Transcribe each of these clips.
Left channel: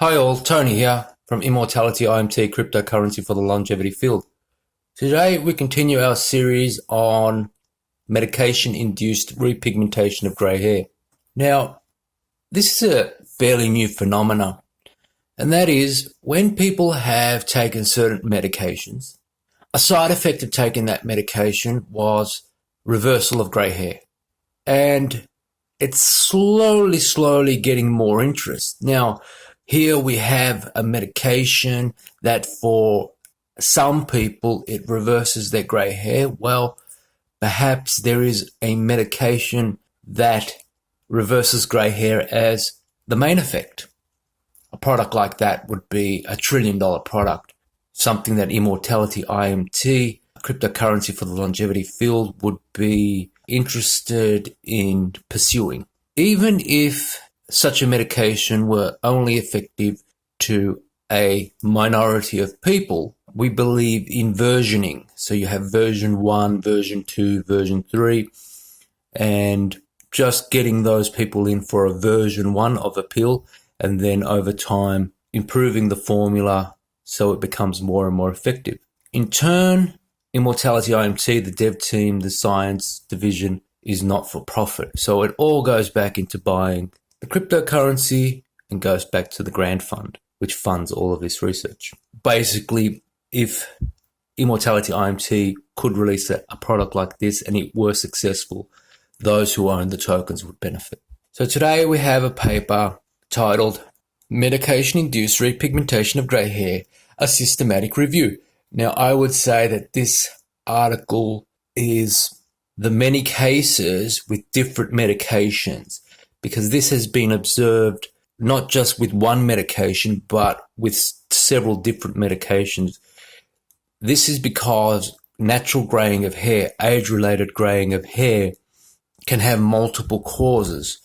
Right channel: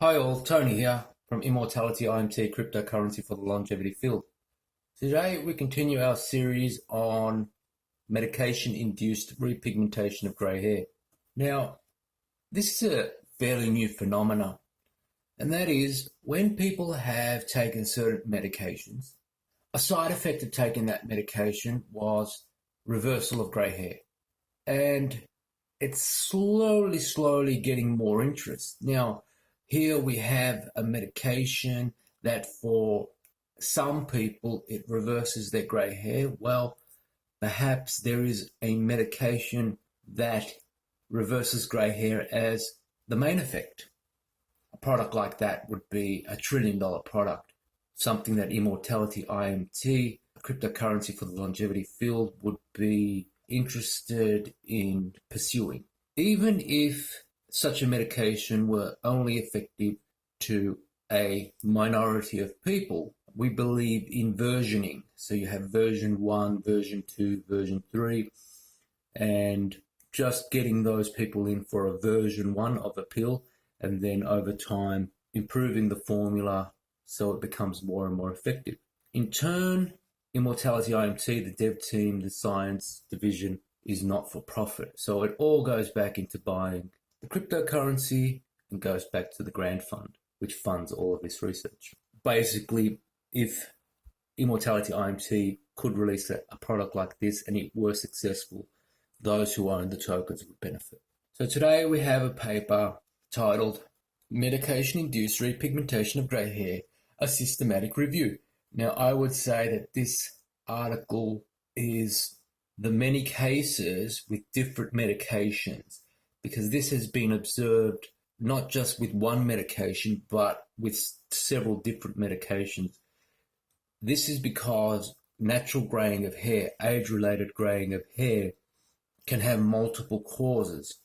Hi all, Tony here from Immortality IMT, cryptocurrency for the longevity field. Today we continue our series on medication-induced repigmentation of grey hair. Now, this is a fairly new phenomenon, and that is when people have taken certain medications, a side effect of taking that medication was reversal of grey hair. And it's slowly getting more interest. Now, here we have a medication that for some people it reverses their grey hair. Well, perhaps there is a medication that reverses grey hair as the main effect. A product like that would be a $1 trillion product, something that Immortality IMT, cryptocurrency for the longevity field, would be interested in pursuing. Even if such a medication were only effective to a minority of people, we believe in versioning. So you have version 1, version 2, version 3, and just getting those people in for a version 1 of a pill, and then over time improving the formula so it becomes more and more effective. In turn, Immortality IMT, the dev team, the science division, is not for profit. So it all goes back into buying the cryptocurrency and goes back to the grant fund, which funds all of this research. Basically, if Immortality IMT could release a product like this and it were successful, those who own the tokens would benefit. So today we have a paper titled Medication-Induced Repigmentation of Grey Hair, a Systematic Review. Now, I would say that this article is the many cases with different medications, because this has been observed not just with one medication, but with several different medications. This is because natural graying of hair, age-related graying of hair, can have multiple causes.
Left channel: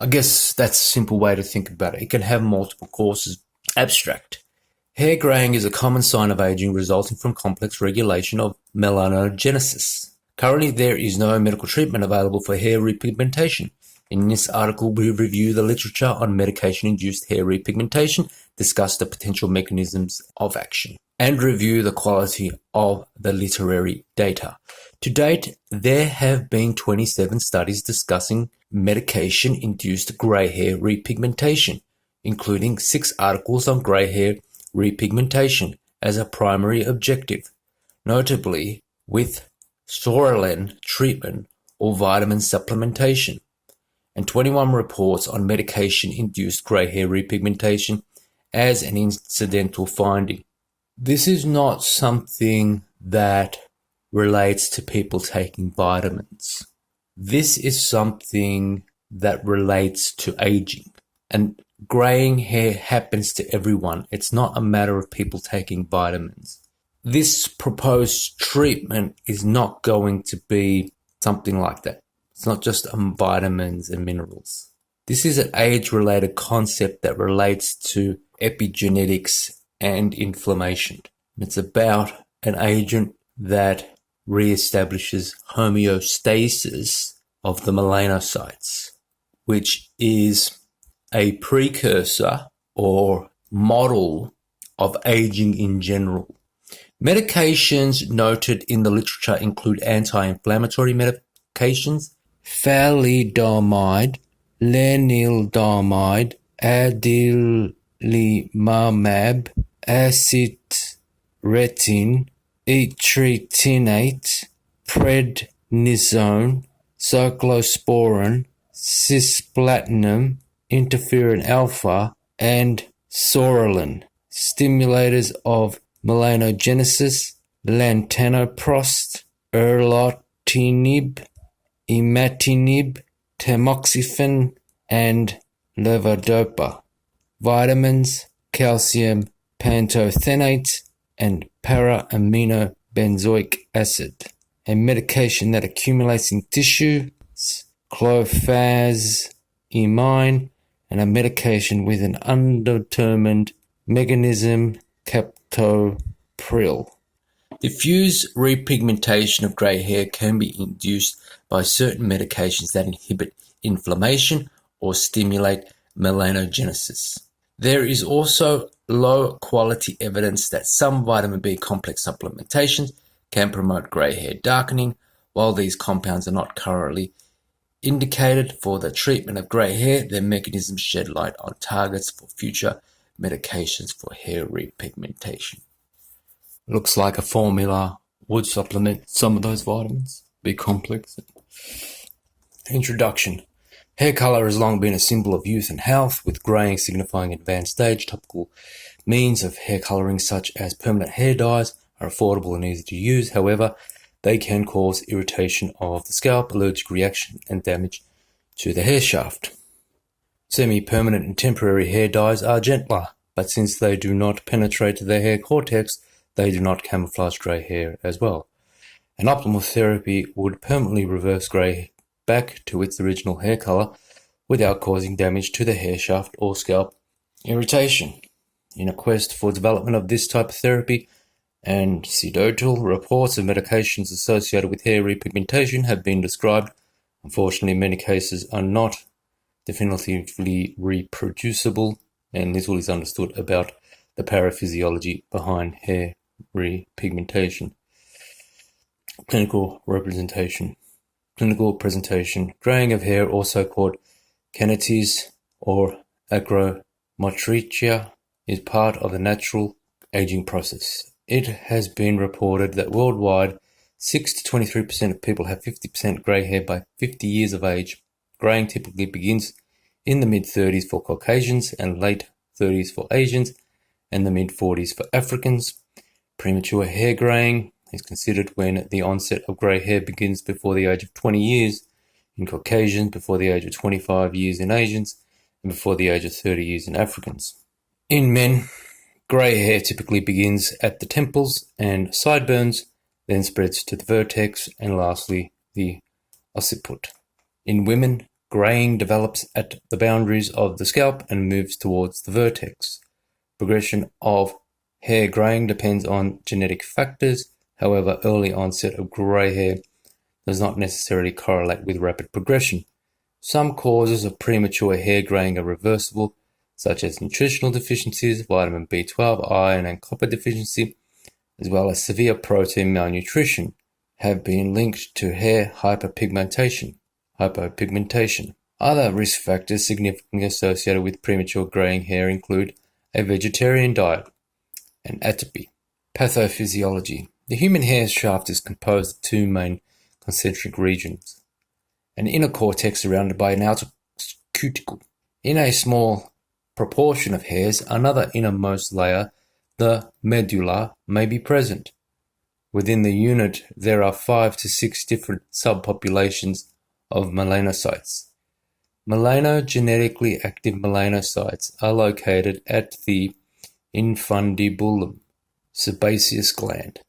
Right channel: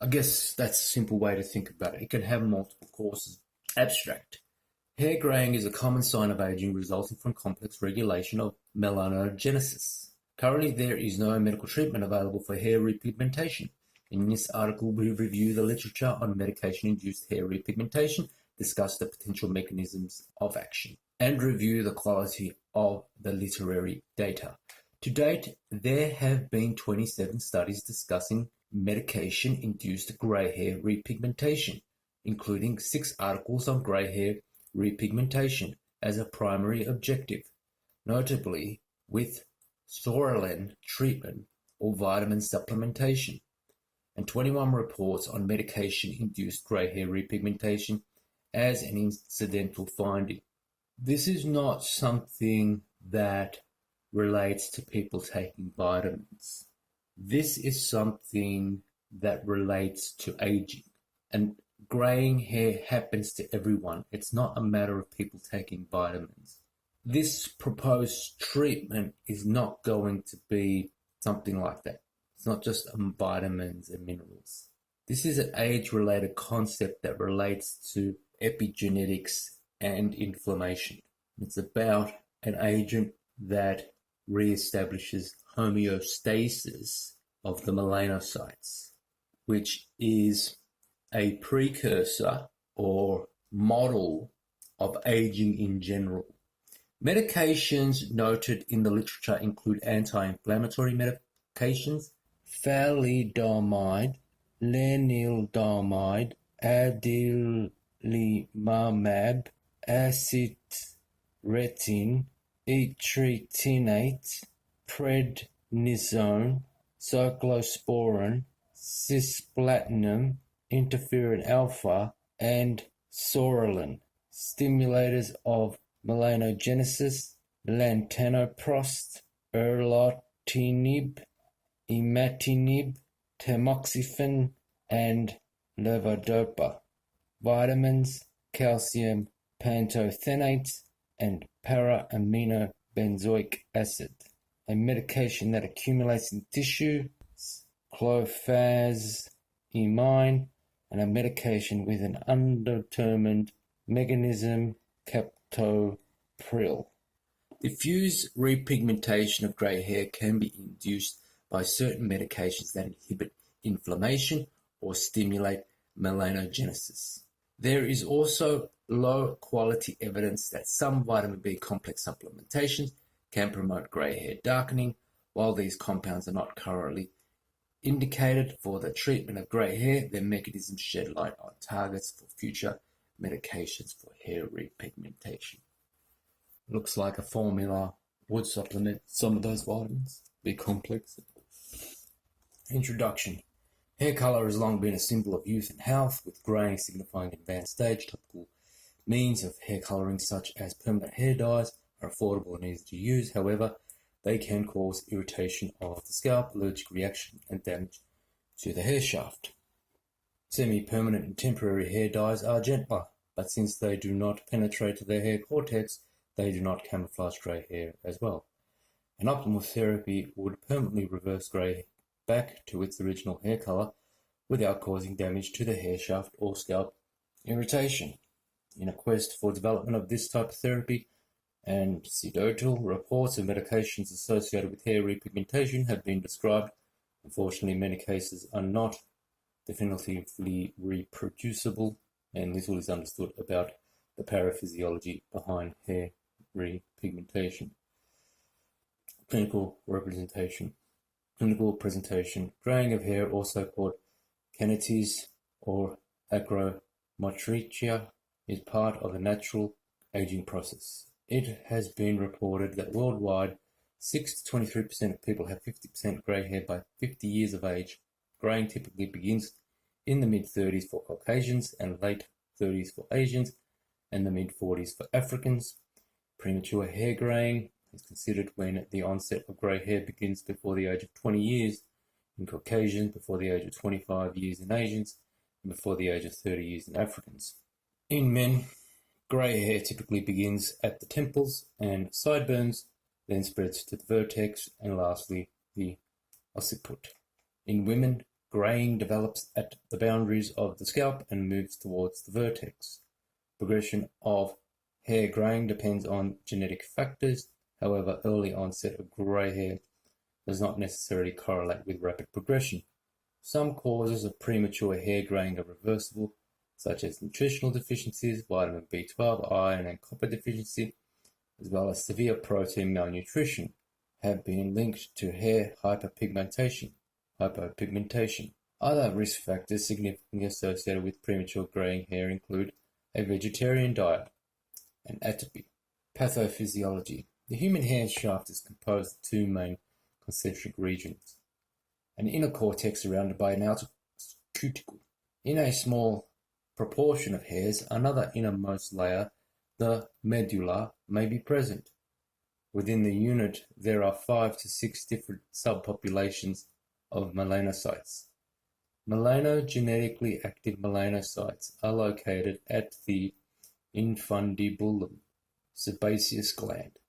I guess that's a simple way to think about it. It can have multiple causes. Abstract. Hair graying is a common sign of aging resulting from complex regulation of melanogenesis. Currently, there is no medical treatment available for hair repigmentation. In this article, we review the literature on medication-induced hair repigmentation, discuss the potential mechanisms of action, and review the quality of the literary data. To date, there have been 27 studies discussing medication-induced grey hair repigmentation, including 6 articles on grey hair repigmentation as a primary objective, notably with Sorelen treatment or vitamin supplementation, and 21 reports on medication-induced grey hair repigmentation as an incidental finding. This is not something that relates to people taking vitamins. This is something that relates to aging. And graying hair happens to everyone. It's not a matter of people taking vitamins. This proposed treatment is not going to be something like that. It's not just vitamins and minerals. This is an age-related concept that relates to epigenetics and inflammation. It's about an agent that reestablishes homeostasis of the melanocytes, which is a precursor or model of aging in general. Medications noted in the literature include anti-inflammatory medications, thalidomide, lenalidomide, adalimumab, acitretin, etretinate, prednisone, cyclosporin, cisplatinum, interferon alpha, and Sorelen, stimulators of melanogenesis, lantanoprost, erlotinib, imatinib, tamoxifen, and levodopa. Vitamins, calcium pantothenate, and para-aminobenzoic acid. A medication that accumulates in tissue, clofazimine, and a medication with an undetermined mechanism, captopril. Diffuse repigmentation of grey hair can be induced by certain medications that inhibit inflammation or stimulate melanogenesis. There is also low quality evidence that some vitamin B complex supplementations can promote grey hair darkening. While these compounds are not currently indicated for the treatment of grey hair, their mechanisms shed light on targets for future medications for hair repigmentation. Looks like a formula would supplement some of those vitamins, B complex. Introduction. Hair color has long been a symbol of youth and health, with graying signifying advanced stage. Topical means of hair coloring, such as permanent hair dyes, are affordable and easy to use. However, they can cause irritation of the scalp, allergic reaction, and damage to the hair shaft. Semi-permanent and temporary hair dyes are gentler, but since they do not penetrate the hair cortex, they do not camouflage grey hair as well. An optimal therapy would permanently reverse grey back to its original hair color without causing damage to the hair shaft or scalp irritation. In a quest for development of this type of therapy, anecdotal reports of medications associated with hair repigmentation have been described. Unfortunately, many cases are not definitively reproducible, and little is understood about the pathophysiology behind hair repigmentation. Clinical presentation. Graying of hair, also called keratitis or achromatopsia, is part of the natural aging process. It has been reported that worldwide, 6 to 23% of people have 50% grey hair by 50 years of age. Graying typically begins in the mid-30s for Caucasians and late 30s for Asians and the mid-40s for Africans. Premature hair graying is considered when the onset of grey hair begins before the age of 20 years in Caucasians, before the age of 25 years in Asians, and before the age of 30 years in Africans. In men, grey hair typically begins at the temples and sideburns, then spreads to the vertex, and lastly, the occiput. In women, graying develops at the boundaries of the scalp and moves towards the vertex. Progression of hair graying depends on genetic factors. However, early onset of grey hair does not necessarily correlate with rapid progression. Some causes of premature hair graying are reversible, such as nutritional deficiencies, vitamin B12, iron, and copper deficiency, as well as severe protein malnutrition, have been linked to hair hyperpigmentation. Other risk factors significantly associated with premature graying hair include a vegetarian diet and atopy. Pathophysiology. The human hair shaft is composed of two main concentric regions, an inner cortex surrounded by an outer cuticle. In a small proportion of hairs, another innermost layer, the medulla, may be present. Within the unit, there are 5 to 6 different subpopulations of melanocytes. Melanogenetically active melanocytes are located at the infundibulum, sebaceous gland,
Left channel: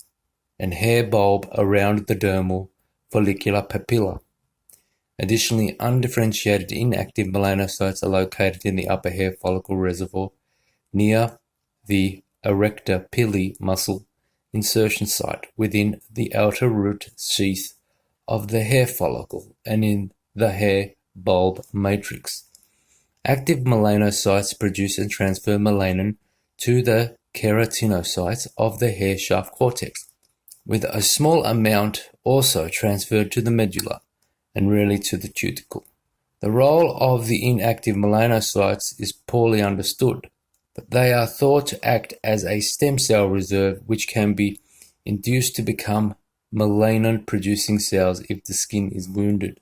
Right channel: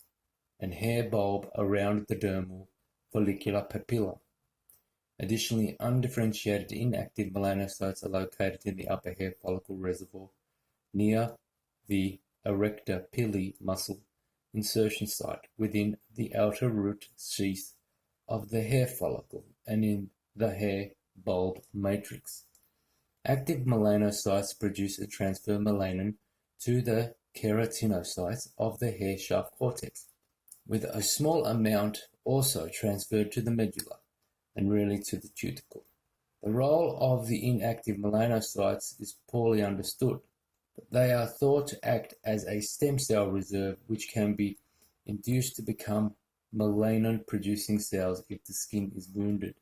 and hair bulb around the dermal follicular papilla. Additionally, undifferentiated inactive melanocytes are located in the upper hair follicle reservoir near the erector pili muscle insertion site within the outer root sheath of the hair follicle and in the hair bulb matrix. Active melanocytes produce and transfer melanin to the keratinocytes of the hair shaft cortex, with a small amount also transferred to the medulla and rarely to the cuticle. The role of the inactive melanocytes is poorly understood, but they are thought to act as a stem cell reserve which can be induced to become melanin-producing cells if the skin is wounded.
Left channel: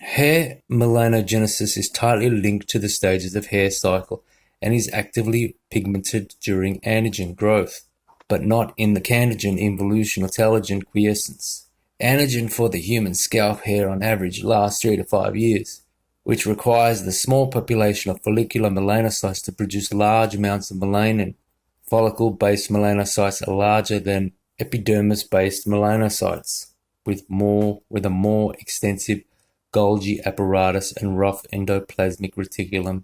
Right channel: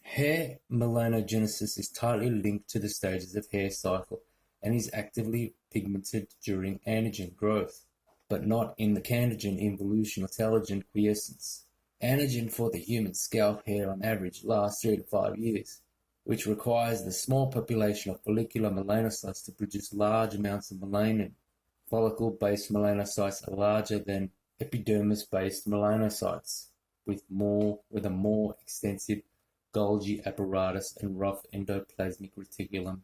Hair melanogenesis is tightly linked to the stages of hair cycle and is actively pigmented during anagen growth, but not in the canagen involution or telogen quiescence. Anagen for the human scalp hair on average lasts 3 to 5 years, which requires the small population of follicular melanocytes to produce large amounts of melanin. Follicle-based melanocytes are larger than epidermis-based melanocytes, with a more extensive Golgi apparatus and rough endoplasmic reticulum,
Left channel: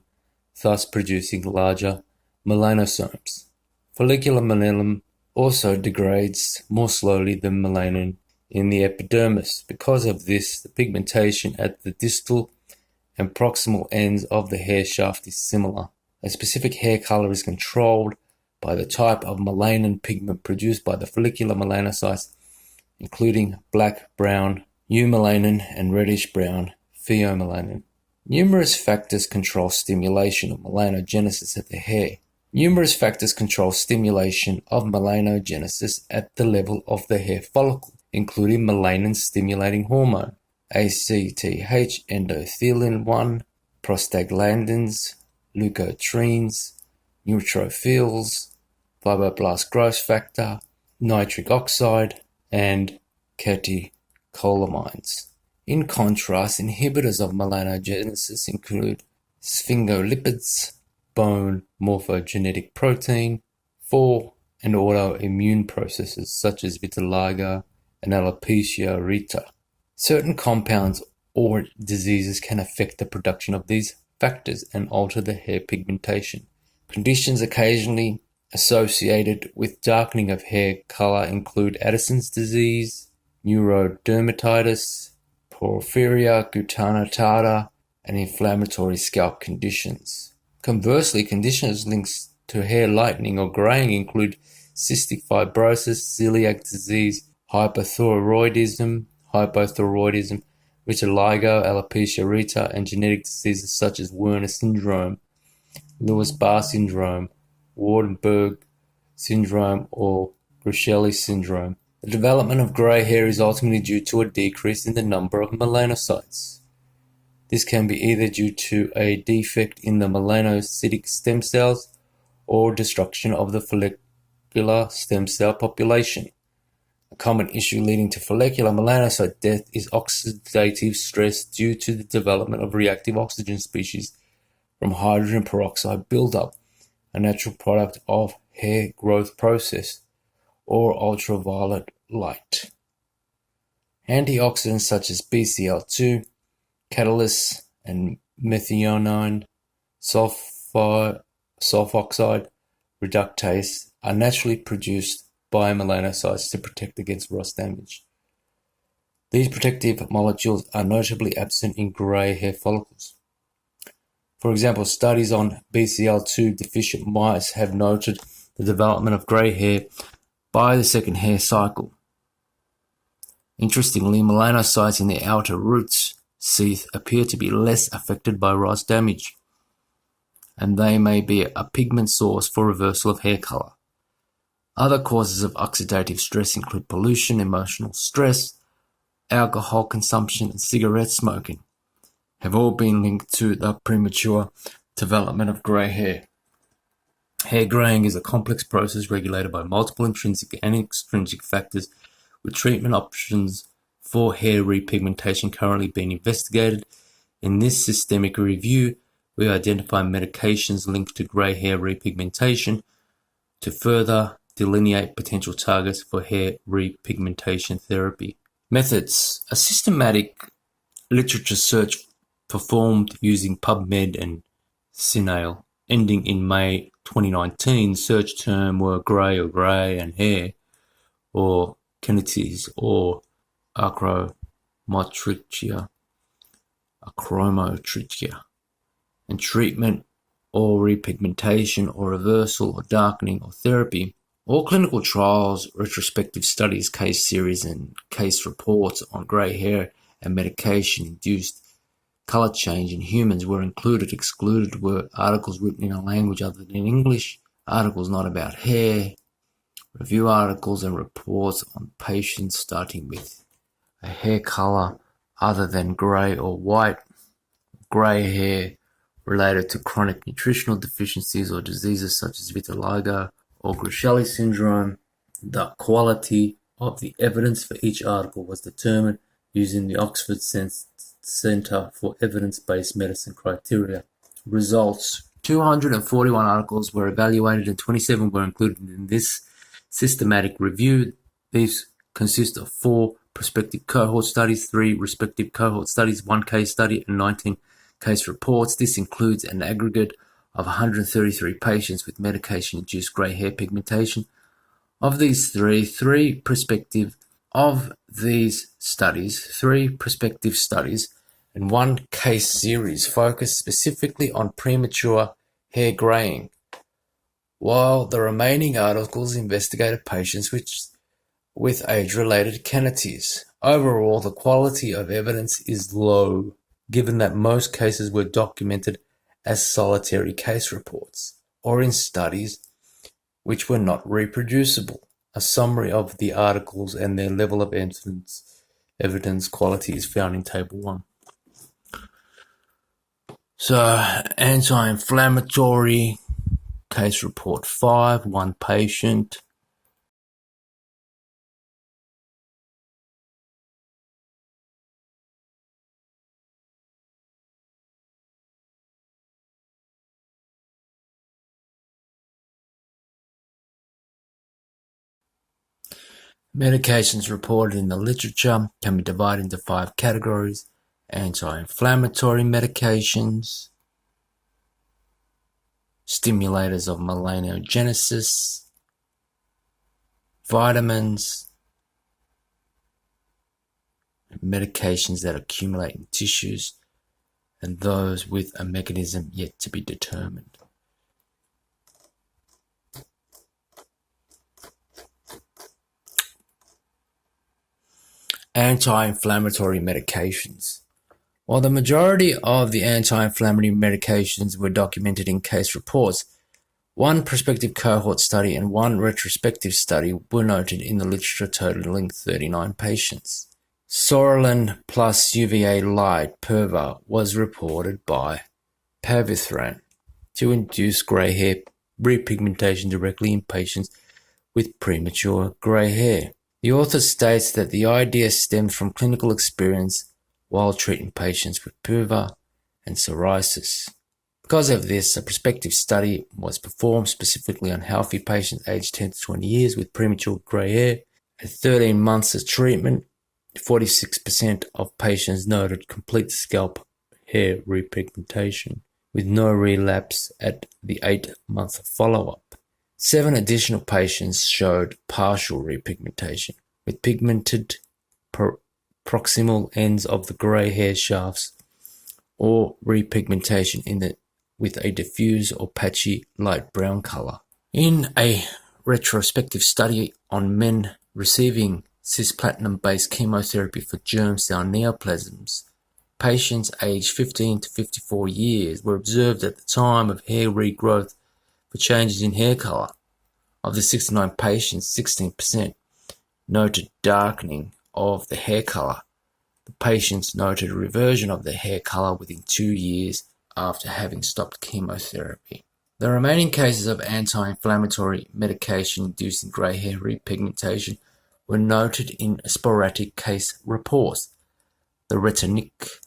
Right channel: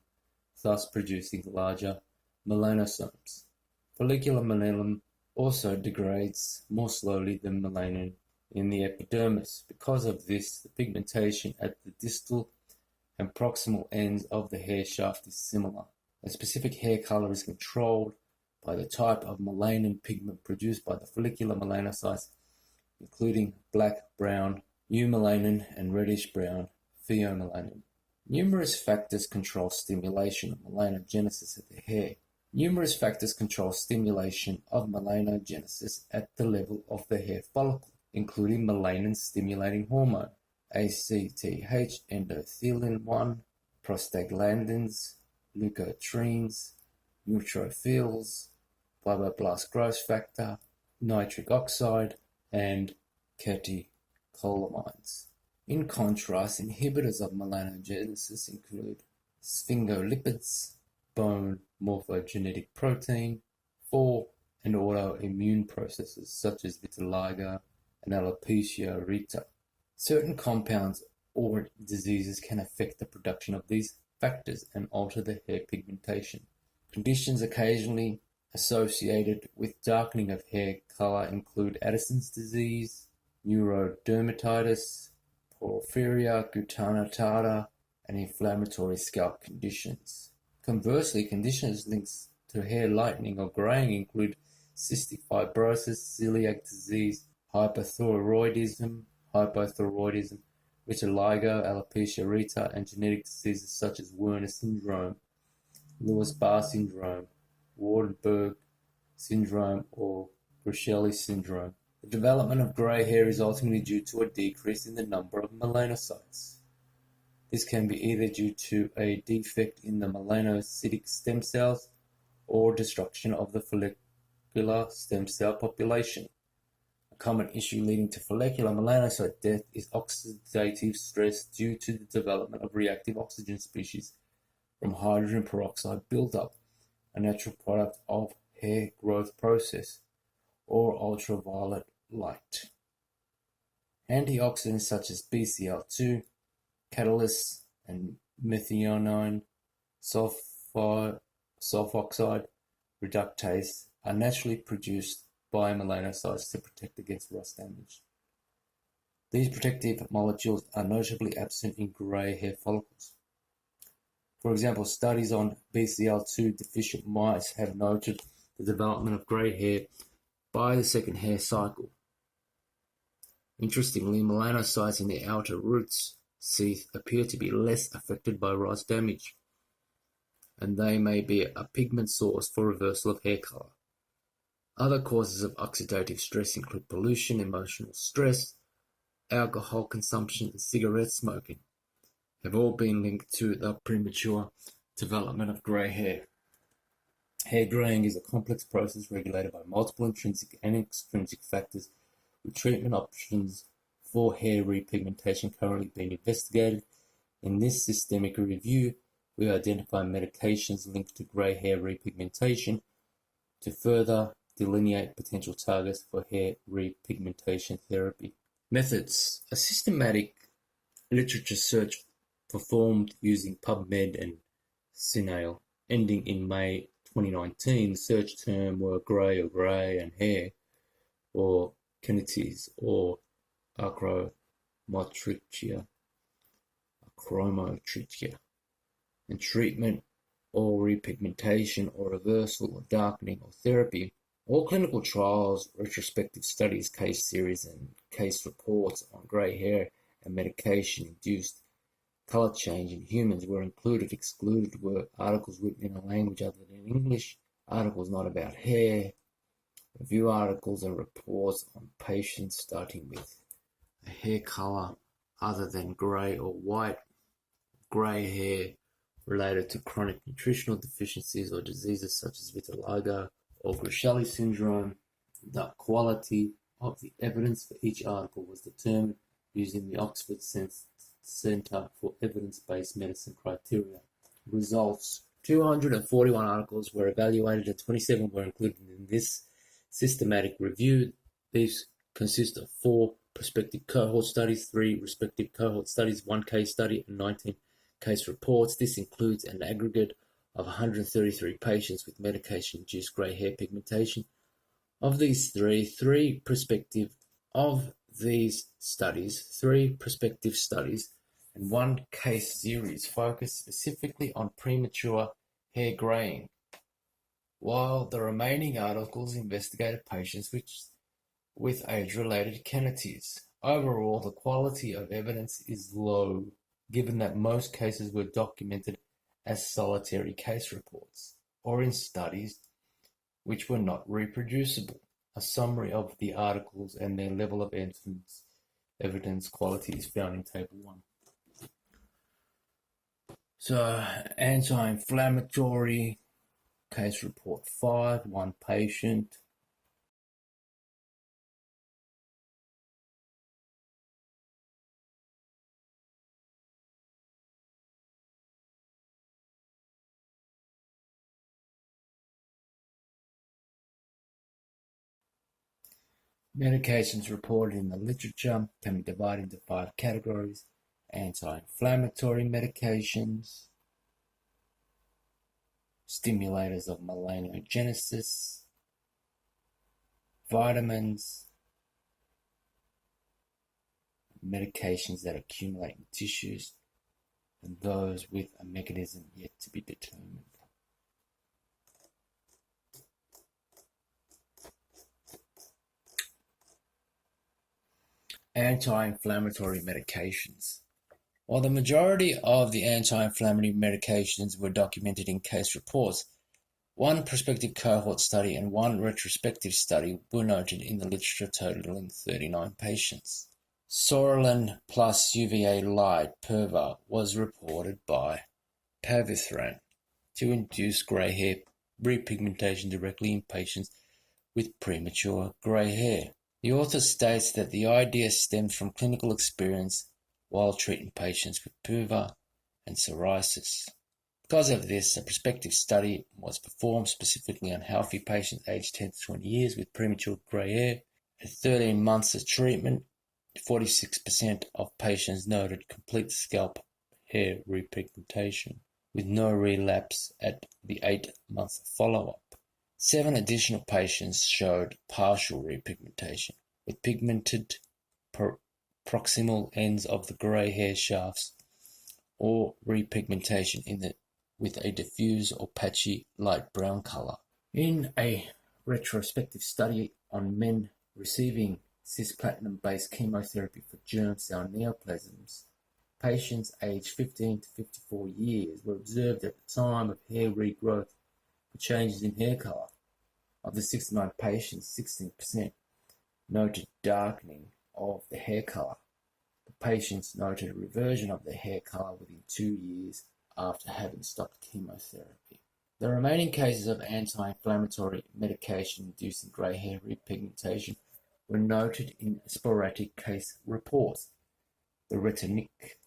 thus producing larger melanosomes. Follicular melanin also degrades more slowly than melanin in the epidermis. Because of this, the pigmentation at the distal and proximal ends of the hair shaft is similar. A specific hair color is controlled by the type of melanin pigment produced by the follicular melanocytes, including black, brown, eumelanin, and reddish-brown pheomelanin. Numerous factors control stimulation of melanogenesis at the hair. Numerous factors control stimulation of melanogenesis at the level of the hair follicle, including melanin-stimulating hormone, ACTH, endothelin-1, prostaglandins, leukotrienes, neutrophils, fibroblast growth factor, nitric oxide, and catecholamines. In contrast, inhibitors of melanogenesis include sphingolipids, bone morphogenetic protein, 4, and autoimmune processes such as vitiligo and alopecia areata. Certain compounds or diseases can affect the production of these factors and alter the hair pigmentation. Conditions occasionally associated with darkening of hair color include Addison's disease, neurodermatitis, porphyria cutanea, and inflammatory scalp conditions. Conversely, conditions linked to hair lightening or graying include cystic fibrosis, celiac disease, hypothyroidism, vitiligo, alopecia areata, and genetic diseases such as Werner syndrome, Lewis-Barr syndrome, Waardenburg syndrome, or Grisheli syndrome. The development of grey hair is ultimately due to a decrease in the number of melanocytes. This can be either due to a defect in the melanocytic stem cells or destruction of the follicular stem cell population. A common issue leading to follicular melanocyte death is oxidative stress due to the development of reactive oxygen species from hydrogen peroxide buildup, a natural product of hair growth process, or ultraviolet light. Antioxidants such as BCL2, catalysts, and methionine sulfoxide reductase are naturally produced by melanocytes to protect against rust damage. These protective molecules are notably absent in grey hair follicles. For example, studies on BCL2 deficient mice have noted the development of grey hair by the second hair cycle. Interestingly, melanocytes in the outer roots sheath appear to be less affected by rust damage, and they may be a pigment source for reversal of hair color. Other causes of oxidative stress include pollution, emotional stress, alcohol consumption, and cigarette smoking, have all been linked to the premature development of grey hair. Hair graying is a complex process regulated by multiple intrinsic and extrinsic factors, with treatment options for hair repigmentation currently being investigated. In this systemic review, we identify medications linked to grey hair repigmentation to further delineate potential targets for hair repigmentation therapy. Methods. A systematic literature search performed using PubMed and CINAHL, ending in May 2019. Search term were grey or grey and hair, or actinides, or achromotrichia, and treatment or repigmentation or reversal or darkening or therapy. All clinical trials, retrospective studies, case series, and case reports on grey hair and medication-induced color change in humans were included. Excluded were articles written in a language other than English, articles not about hair, review articles and reports on patients starting with a hair color other than grey or white, grey hair related to chronic nutritional deficiencies or diseases such as vitiligo or Grisheli syndrome. The quality of the evidence for each article was determined using the Oxford Centre for Evidence-Based Medicine criteria. Results. 241 articles were evaluated and 27 were included in this systematic review. These consist of 4 prospective cohort studies, 3 respective cohort studies, 1 case study, and 19 case reports. This includes an aggregate of 133 patients with medication-induced grey hair pigmentation. Of these 3 prospective studies and 1 case series focused specifically on premature hair graying, while the remaining articles investigated patients with age-related cavities. Overall, the quality of evidence is low, given that most cases were documented as solitary case reports, or in studies which were not reproducible. A summary of the articles and their level of evidence quality is found in Table 1. So, anti-inflammatory case report 5, one patient. Medications reported in the literature can be divided into 5 categories: anti-inflammatory medications, stimulators of melanogenesis, vitamins, medications that accumulate in tissues, and those with a mechanism yet to be determined. Anti-inflammatory medications. While the majority of the anti-inflammatory medications were documented in case reports, one prospective cohort study and one retrospective study were noted in the literature, totaling 39 patients. Psoralen plus UVA light PURVA was reported by Pavithran to induce grey hair repigmentation directly in patients with premature grey hair. The author states that the idea stemmed from clinical experience while treating patients with PURVA and psoriasis. Because of this, a prospective study was performed specifically on healthy patients aged 10 to 20 years with premature grey hair. At 13 months of treatment, 46% of patients noted complete scalp hair repigmentation, with no relapse at the 8-month follow-up. 7 additional patients showed partial repigmentation, with pigmented proximal ends of the grey hair shafts, or repigmentation with a diffuse or patchy light brown color. In a retrospective study on men receiving cisplatin-based chemotherapy for germ cell neoplasms, patients aged 15 to 54 years were observed at the time of hair regrowth for changes in hair color. Of the 69 patients, 16% noted darkening of the hair color. The patients noted a reversion of their hair color within 2 years after having stopped chemotherapy. The remaining cases of anti-inflammatory medication inducing grey hair repigmentation were noted in sporadic case reports. The retinic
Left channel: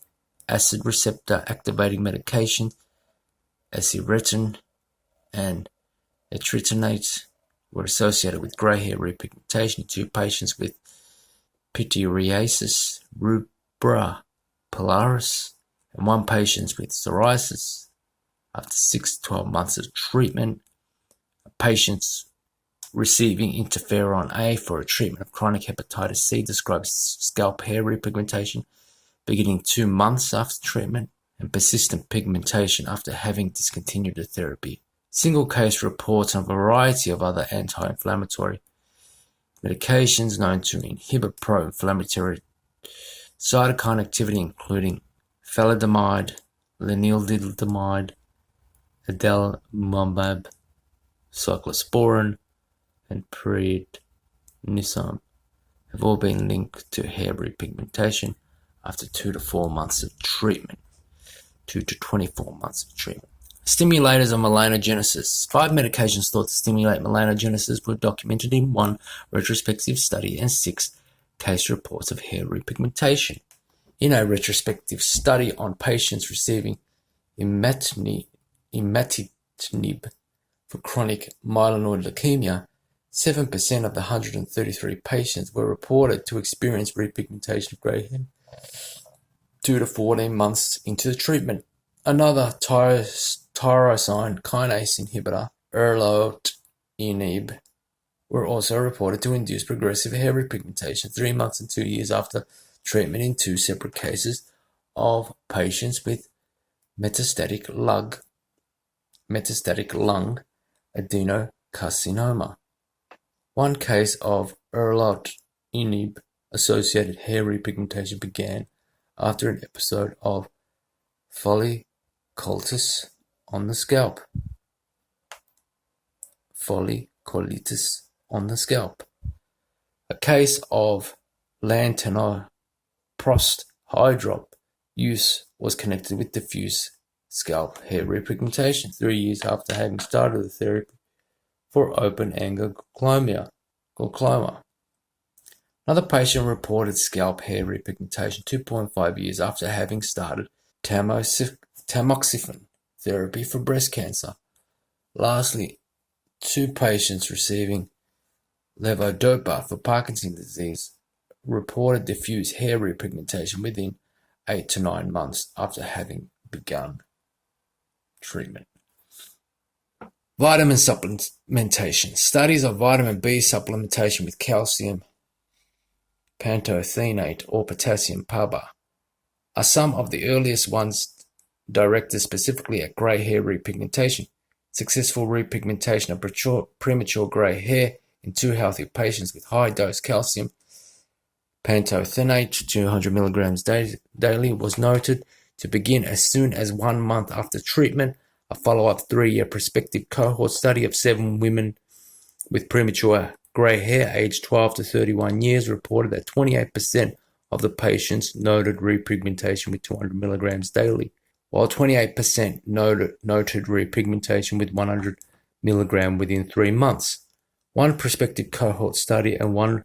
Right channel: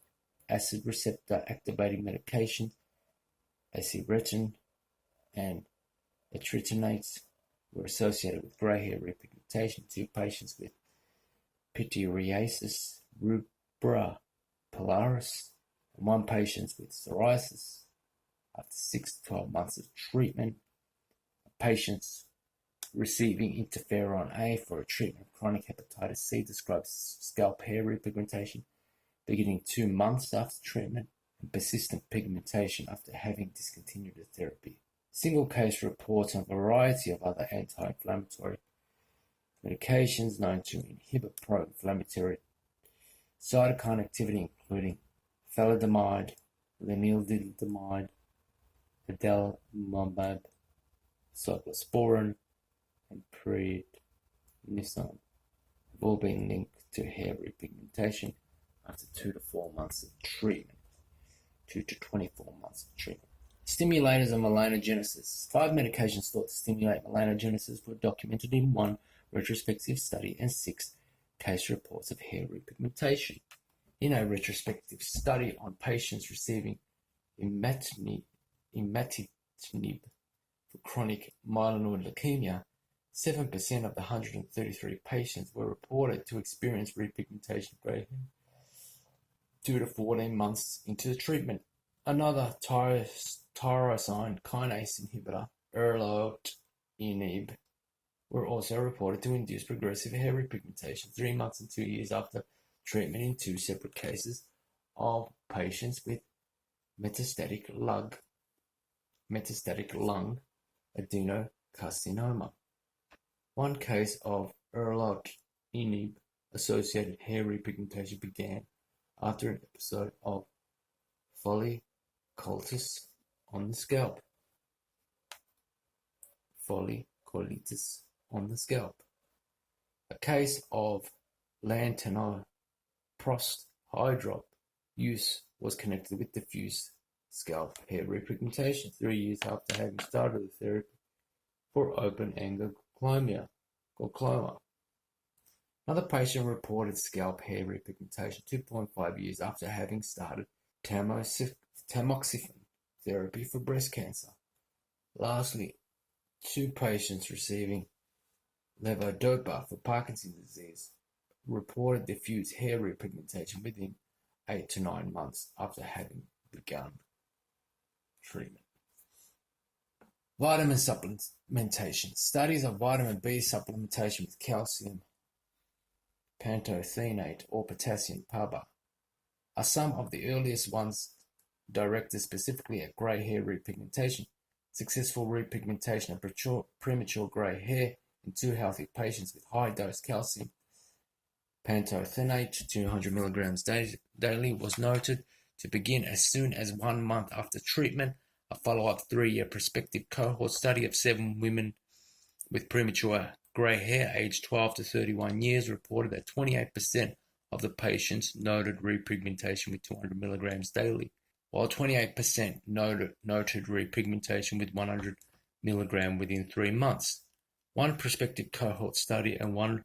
acid receptor activating medications, acylretin and etritinate, were associated with grey hair repigmentation in 2 patients with pityriasis rubra pilaris and 1 patient with psoriasis. After 6 to 12 months of treatment, patients receiving interferon A for a treatment of chronic hepatitis C described scalp hair repigmentation beginning 2 months after treatment and persistent pigmentation after having discontinued the therapy. Single case reports on a variety of other anti-inflammatory medications known to inhibit pro-inflammatory cytokine activity, including thalidomide, lenalidomide, adalimumab, cyclosporin, and prednisone, have all been linked to hair repigmentation after 2 to 4 months of treatment. 2 to 24 months of treatment. Stimulators of melanogenesis. 5 medications thought to stimulate melanogenesis were documented in 1 retrospective study and 6 case reports of hair repigmentation. In a retrospective study on patients receiving imatinib for chronic myeloid leukemia, 7% of the 133 patients were reported to experience repigmentation of grey hair 2 to 14 months into the treatment. Another tyrosine kinase inhibitor, erlotinib, were also reported to induce progressive hair repigmentation 3 months and 2 years after treatment in 2 separate cases of patients with metastatic lung metastatic lung adenocarcinoma. One case of erlotinib-associated hair repigmentation began after an episode of folliculitis on the scalp. Folliculitis on the scalp. A case of lantanoprost eye drop use was connected with diffuse scalp hair repigmentation 3 years after having started the therapy for open-angle glaucoma. Another patient reported scalp hair repigmentation 2.5 years after having started tamoxifen therapy for breast cancer. Lastly, 2 patients receiving levodopa for Parkinson's disease reported diffuse hair repigmentation within 8 to 9 months after having begun treatment. Vitamin supplementation. Studies of vitamin B supplementation with calcium pantothenate or potassium PABA are some of the earliest ones directed specifically at grey hair repigmentation. Successful repigmentation of premature grey hair in 2 healthy patients with high-dose calcium pantothenate 200 milligrams daily was noted to begin as soon as 1 month after treatment. A follow-up 3-year prospective cohort study of 7 women with premature grey hair aged 12 to 31 years reported that 28% of the patients noted repigmentation with 200 milligrams daily, while 28% noted repigmentation with 100 milligram within 3 months. One prospective cohort study and one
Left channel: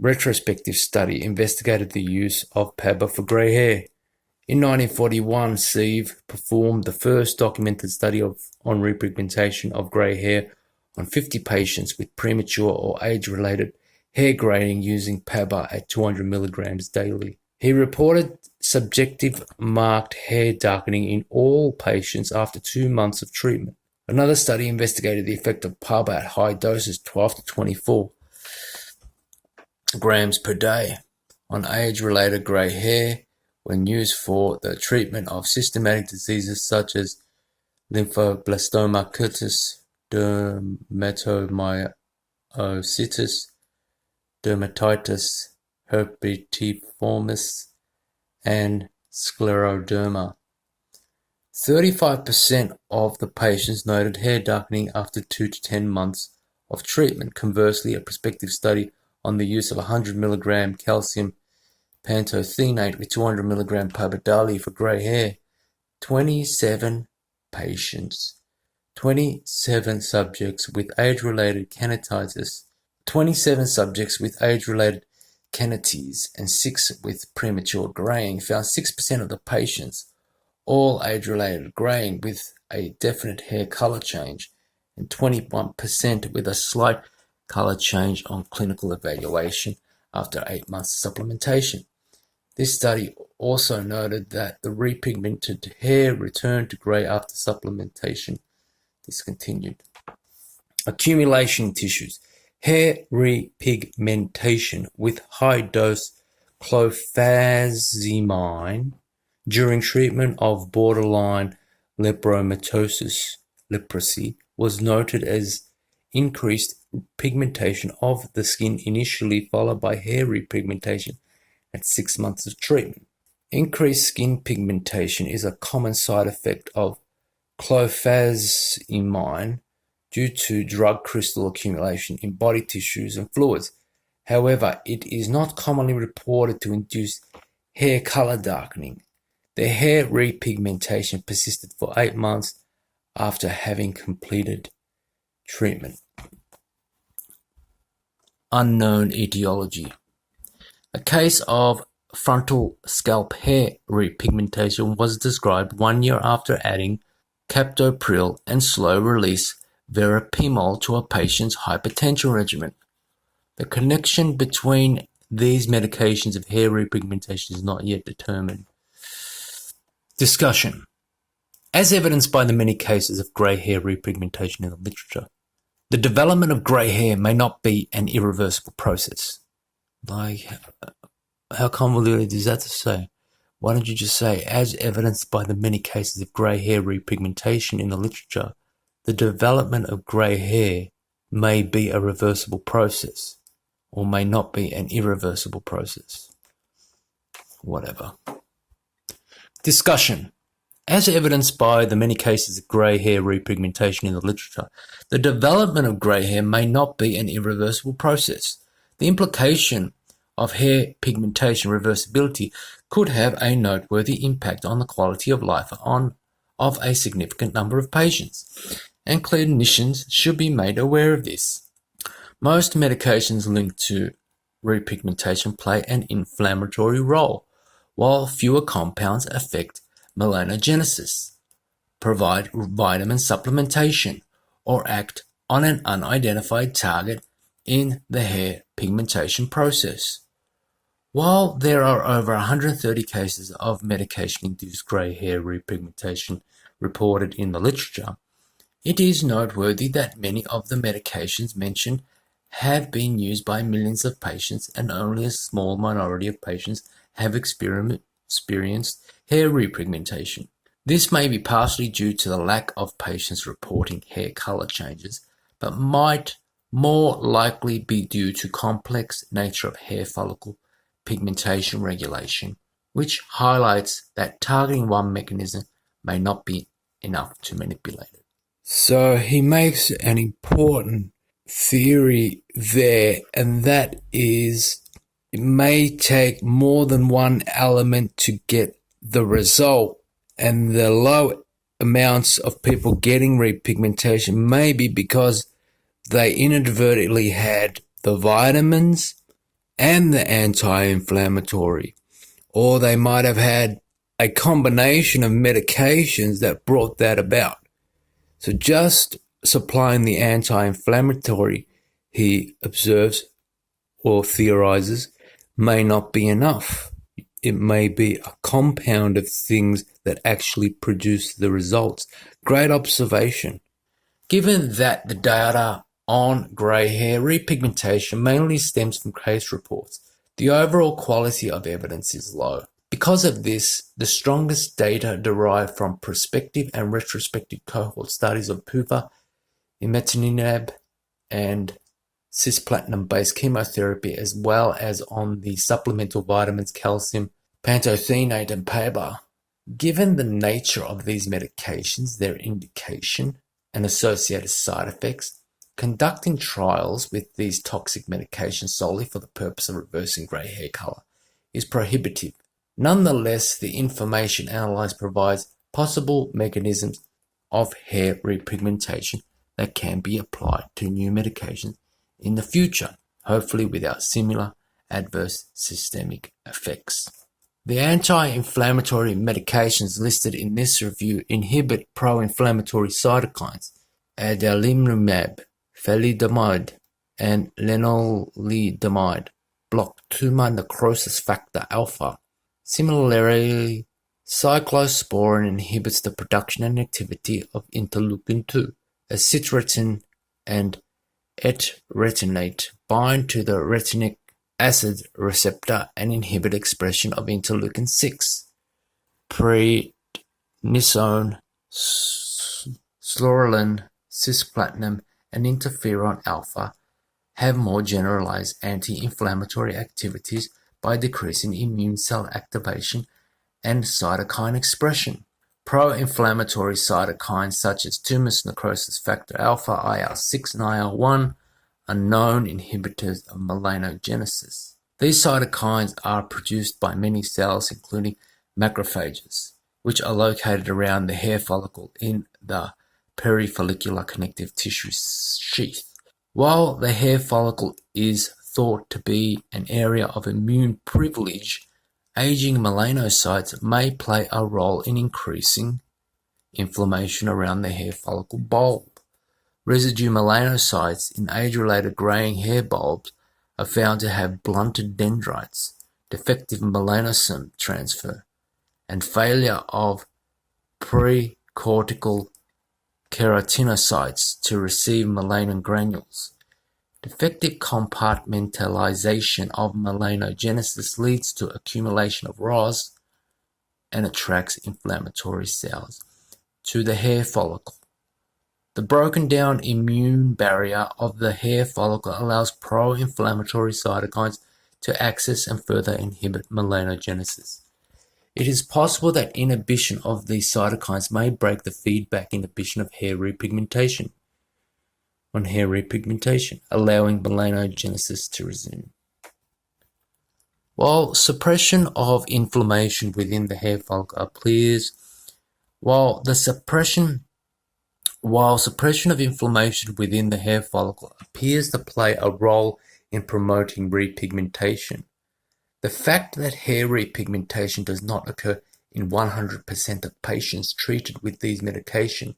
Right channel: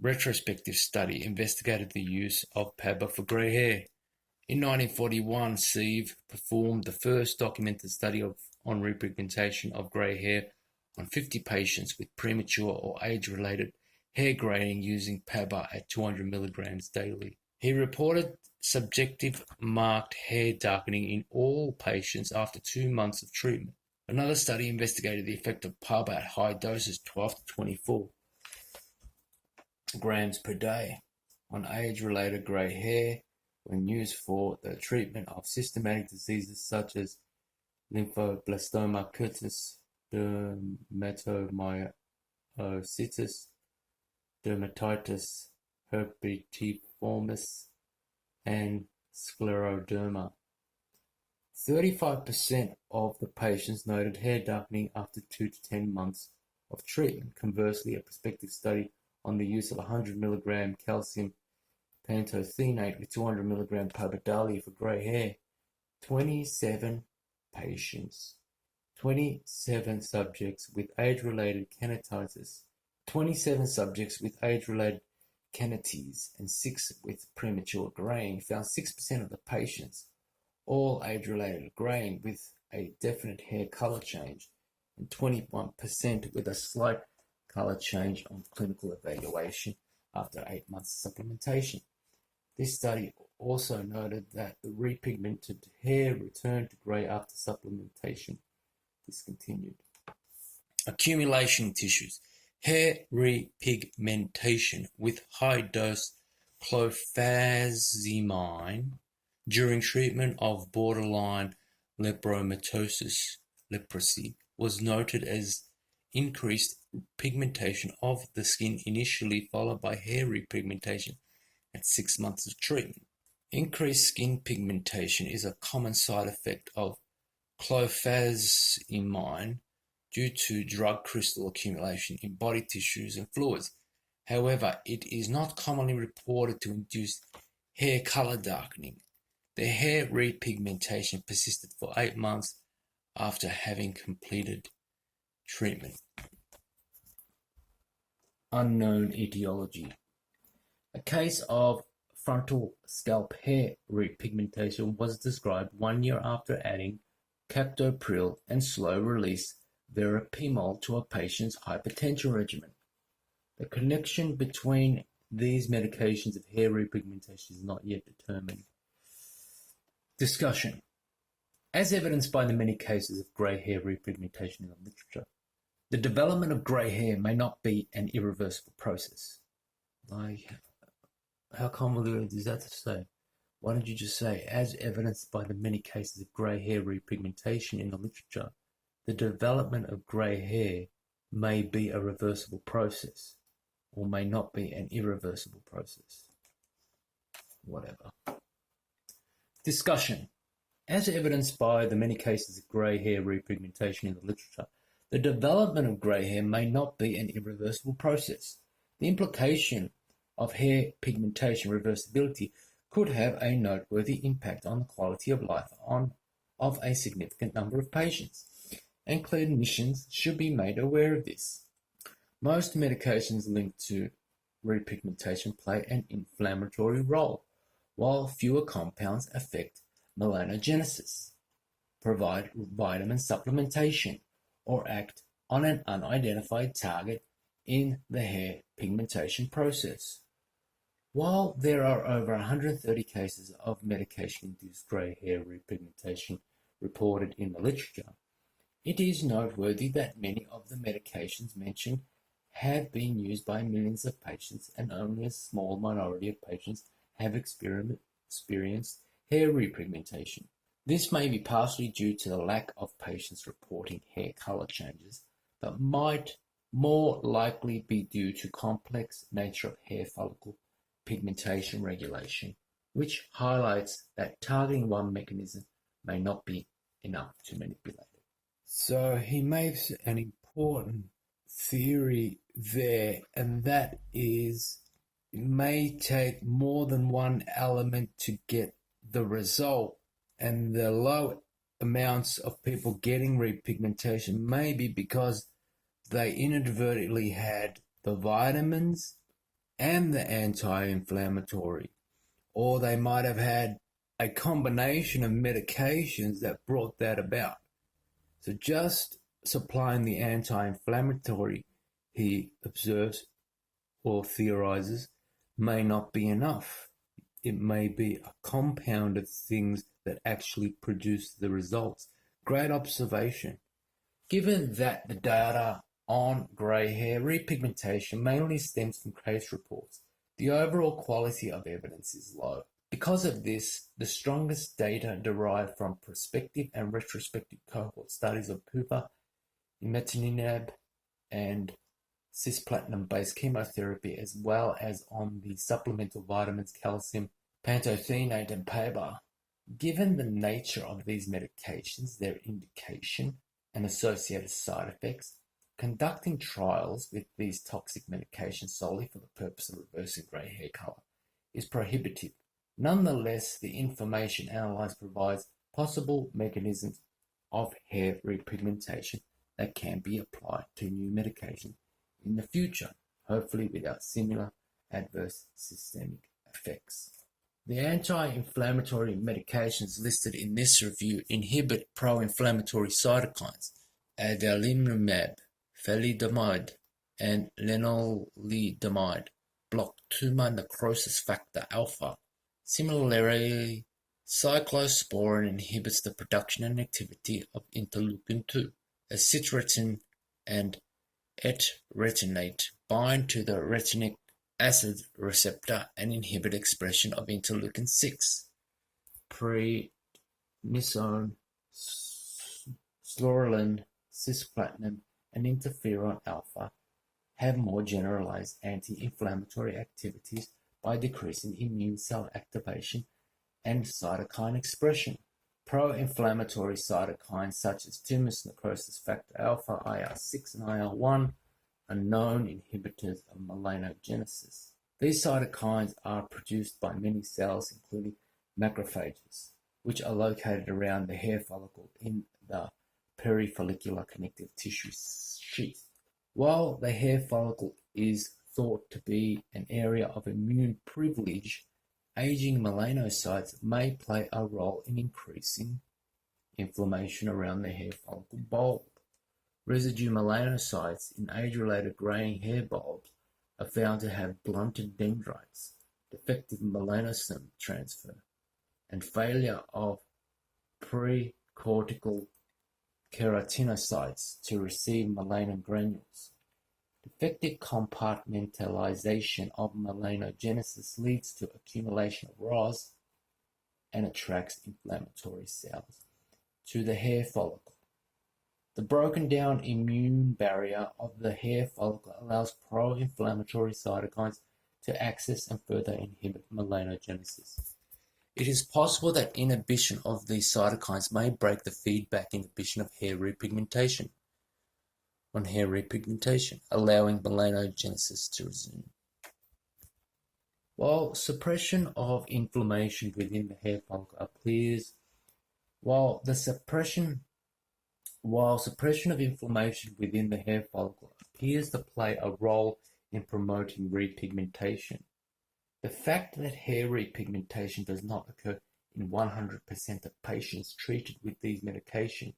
retrospective study investigated the use of PABA for grey hair. In 1941, Sieve performed the first documented study on repigmentation of grey hair on 50 patients with premature or age-related hair graying using PABA at 200 milligrams daily. He reported subjective marked hair darkening in all patients after 2 months of treatment. Another study investigated the effect of PABA at high doses, 12 to 24 grams per day, on age-related grey hair when used for the treatment of systematic diseases such as lymphoblastoma cutis, dermatomyositis, dermatitis herpetiformis, and scleroderma. 35% of the patients noted hair darkening after 2 to 10 months of treatment. Conversely, a prospective study on the use of 100 milligram calcium pantothenate with 200 milligram PABA daily for grey hair, 27 patients, 27 subjects with age-related keratitis, 27 subjects with age-related keratitis, and 6 with premature graying found 6% of the patients, all age-related graying with a definite hair color change, and 21% with a slight color change on clinical evaluation after 8 months of supplementation. This study also noted that the repigmented hair returned to grey after supplementation discontinued. Accumulation in tissues. Hair repigmentation with high-dose clofazimine during treatment of borderline leprosy was noted as increased pigmentation of the skin initially, followed by hair repigmentation at 6 months of treatment. Increased skin pigmentation is a common side effect of clofazimine due to drug crystal accumulation in body tissues and fluids. However, it is not commonly reported to induce hair color darkening. The hair repigmentation persisted for 8 months after having completed treatment. Unknown etiology. A case of frontal scalp hair repigmentation was described 1 year after adding captopril and slow-release verapamil to a patient's hypertension regimen. The connection between these medications of hair repigmentation is not yet determined. Discussion. As evidenced by the many cases of grey hair repigmentation in the literature, the development of grey hair may not be an irreversible process. How convoluted is that to say? Why don't you just say, as evidenced by the many cases of grey hair repigmentation in the literature, the development of grey hair may be a reversible process or may not be an irreversible process. Whatever. Discussion. As evidenced by the many cases of grey hair repigmentation in the literature, the development of grey hair may not be an irreversible process. The implication of hair pigmentation reversibility could have a noteworthy impact on the quality of life of a significant number of patients, and clinicians should be made aware of this. Most medications linked to repigmentation play an inflammatory role, while fewer compounds affect melanogenesis, provide vitamin supplementation, or act on an unidentified target in the hair pigmentation process. While there are over 130 cases of medication-induced grey hair repigmentation reported in the literature, it is noteworthy that many of the medications mentioned have been used by millions of patients, and only a small minority of patients have experienced hair repigmentation. This may be partially due to the lack of patients reporting hair color changes, but might more likely be due to complex nature of hair follicle pigmentation regulation, which highlights that targeting one mechanism may not be enough to manipulate it. So he makes an important theory there, and that is it may take more than one element to get the result, and the low amounts of people getting repigmentation may be because they inadvertently had the vitamins and the anti-inflammatory, or they might have had a combination of medications that brought that about. So just supplying the anti-inflammatory, he observes or theorizes, may not be enough. It may be a compound of things that actually produce the results. Great observation. Given that the data on grey hair repigmentation mainly stems from case reports, the overall quality of evidence is low. Because of this, the strongest data derived from prospective and retrospective cohort studies of PUVA, imatinib, and cisplatin-based chemotherapy, as well as on the supplemental vitamins calcium, pantothenate, and PABA. Given the nature of these medications, their indication, and associated side effects, conducting trials with these toxic medications solely for the purpose of reversing grey hair color is prohibitive. Nonetheless, the information analyzed provides possible mechanisms of hair repigmentation that can be applied to new medications in the future, hopefully without similar adverse systemic effects. The anti-inflammatory medications listed in this review inhibit pro-inflammatory cytokines, adalimumab, thalidomide, and lenalidomide block tumor necrosis factor alpha. Similarly, cyclosporin inhibits the production and activity of interleukin-2. Acitretin and etretinate bind to the retinic acid receptor and inhibit expression of interleukin-6. Prednisone, psoralen, cisplatin, and interferon alpha have more generalized anti-inflammatory activities by decreasing immune cell activation and cytokine expression. Pro-inflammatory cytokines such as tumor necrosis factor alpha, IL-6, and IL-1 are known inhibitors of melanogenesis. These cytokines are produced by many cells, including macrophages, which are located around the hair follicle in the perifollicular connective tissue sheath. While the hair follicle is thought to be an area of immune privilege, aging melanocytes may play a role in increasing inflammation around the hair follicle bulb. Residue melanocytes in age-related graying hair bulbs are found to have blunted dendrites, defective melanosome transfer, and failure of precortical keratinocytes to receive melanin granules. Defective compartmentalization of melanogenesis leads to accumulation of ROS, and attracts inflammatory cells to the hair follicle. The broken down immune barrier of the hair follicle allows pro-inflammatory cytokines to access and further inhibit melanogenesis. It is possible that inhibition of these cytokines may break the feedback inhibition of hair repigmentation, allowing melanogenesis to resume. While suppression of inflammation within the hair follicle appears, while suppression of inflammation within the hair follicle appears to play a role in promoting repigmentation, the fact that hair repigmentation does not occur in 100% of patients treated with these medications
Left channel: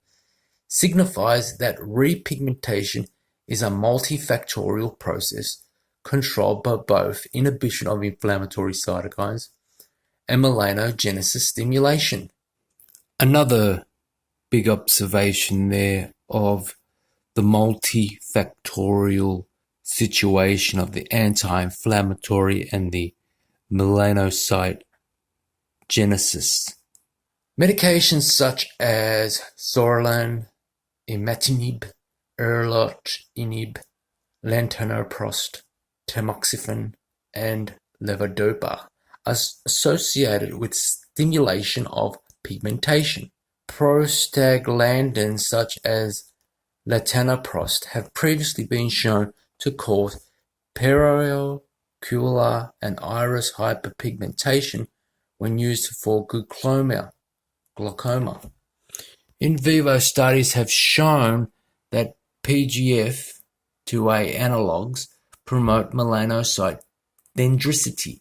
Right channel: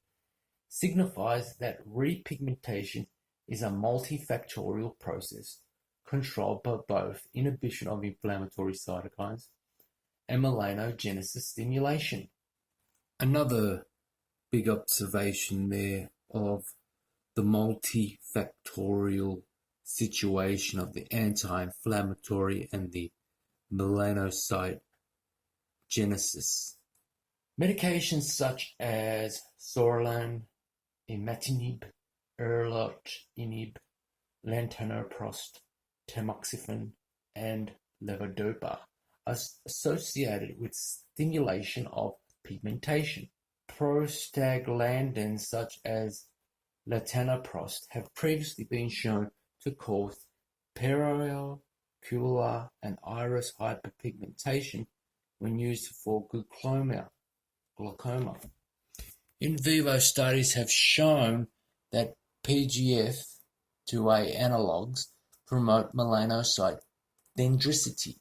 signifies that repigmentation is a multifactorial process controlled by both inhibition of inflammatory cytokines and melanogenesis stimulation. Another big observation there of the multifactorial situation of the anti-inflammatory and the melanocyte genesis. Medications such as Sorelin, Imatinib, Erlotinib, Latanoprost, Tamoxifen, and Levodopa are associated with stimulation of pigmentation. Prostaglandins such as Latanoprost have previously been shown to cause periocular and iris hyperpigmentation when used for glaucoma. In vivo studies have shown that PGF2A analogues promote melanocyte dendricity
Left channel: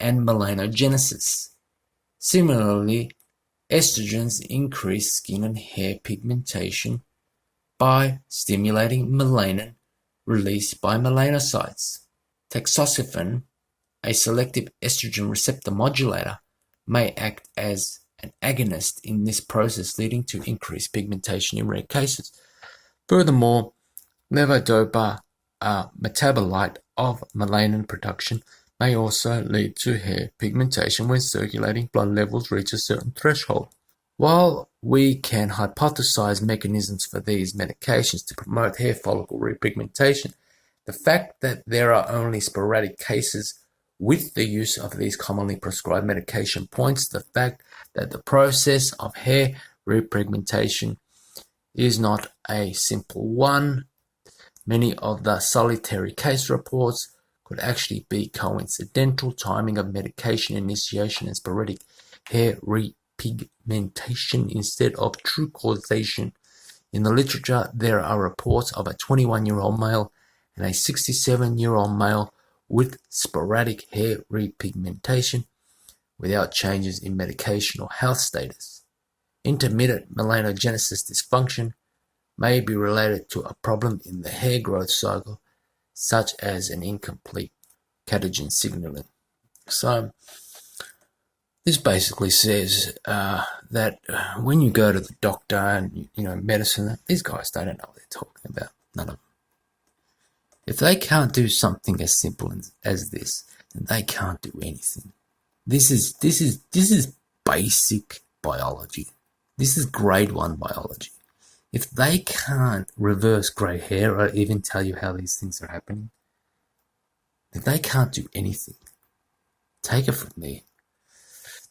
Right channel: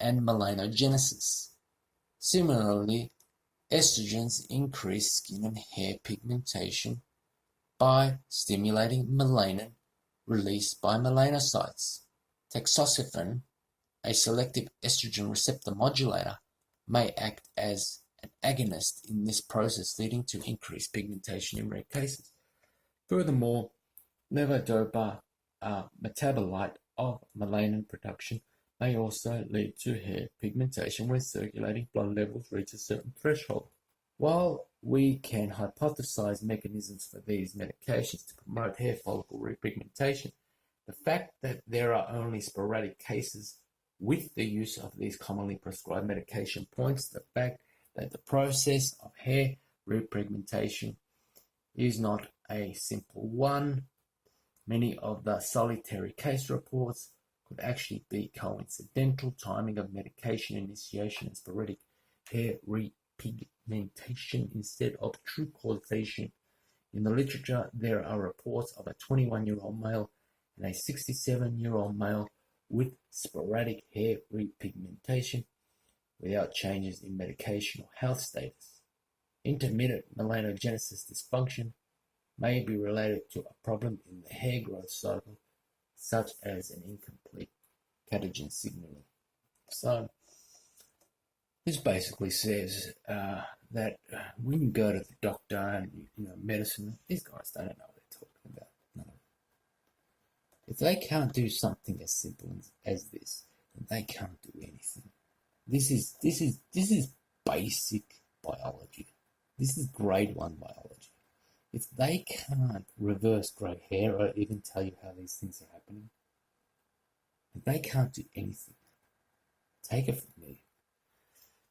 and melanogenesis. Similarly, estrogens increase skin and hair pigmentation by stimulating melanin released by melanocytes. Tamoxifen, a selective estrogen receptor modulator, may act as an agonist in this process, leading to increased pigmentation in rare cases. Furthermore, levodopa, a metabolite of melanin production, may also lead to hair pigmentation when circulating blood levels reach a certain threshold. While we can hypothesize mechanisms for these medications to promote hair follicle repigmentation, the fact that there are only sporadic cases with the use of these commonly prescribed medication points to the fact that the process of hair repigmentation is not a simple one. Many of the solitary case reports could actually be coincidental timing of medication initiation and sporadic hair repigmentation instead of true causation. In the literature, there are reports of a 21-year-old male and a 67-year-old male with sporadic hair repigmentation without changes in medication or health status. Intermittent melanogenesis dysfunction may be related to a problem in the hair growth cycle, such as an incomplete catagen signaling. So this basically says that when you go to the doctor and medicine, these guys, they don't know what they're talking about. None of them. If they can't do something as simple as this, then they can't do anything. This is basic biology. This is grade 1 biology. If they can't reverse grey hair or even tell you how these things are happening, then they can't do anything. Take it from me.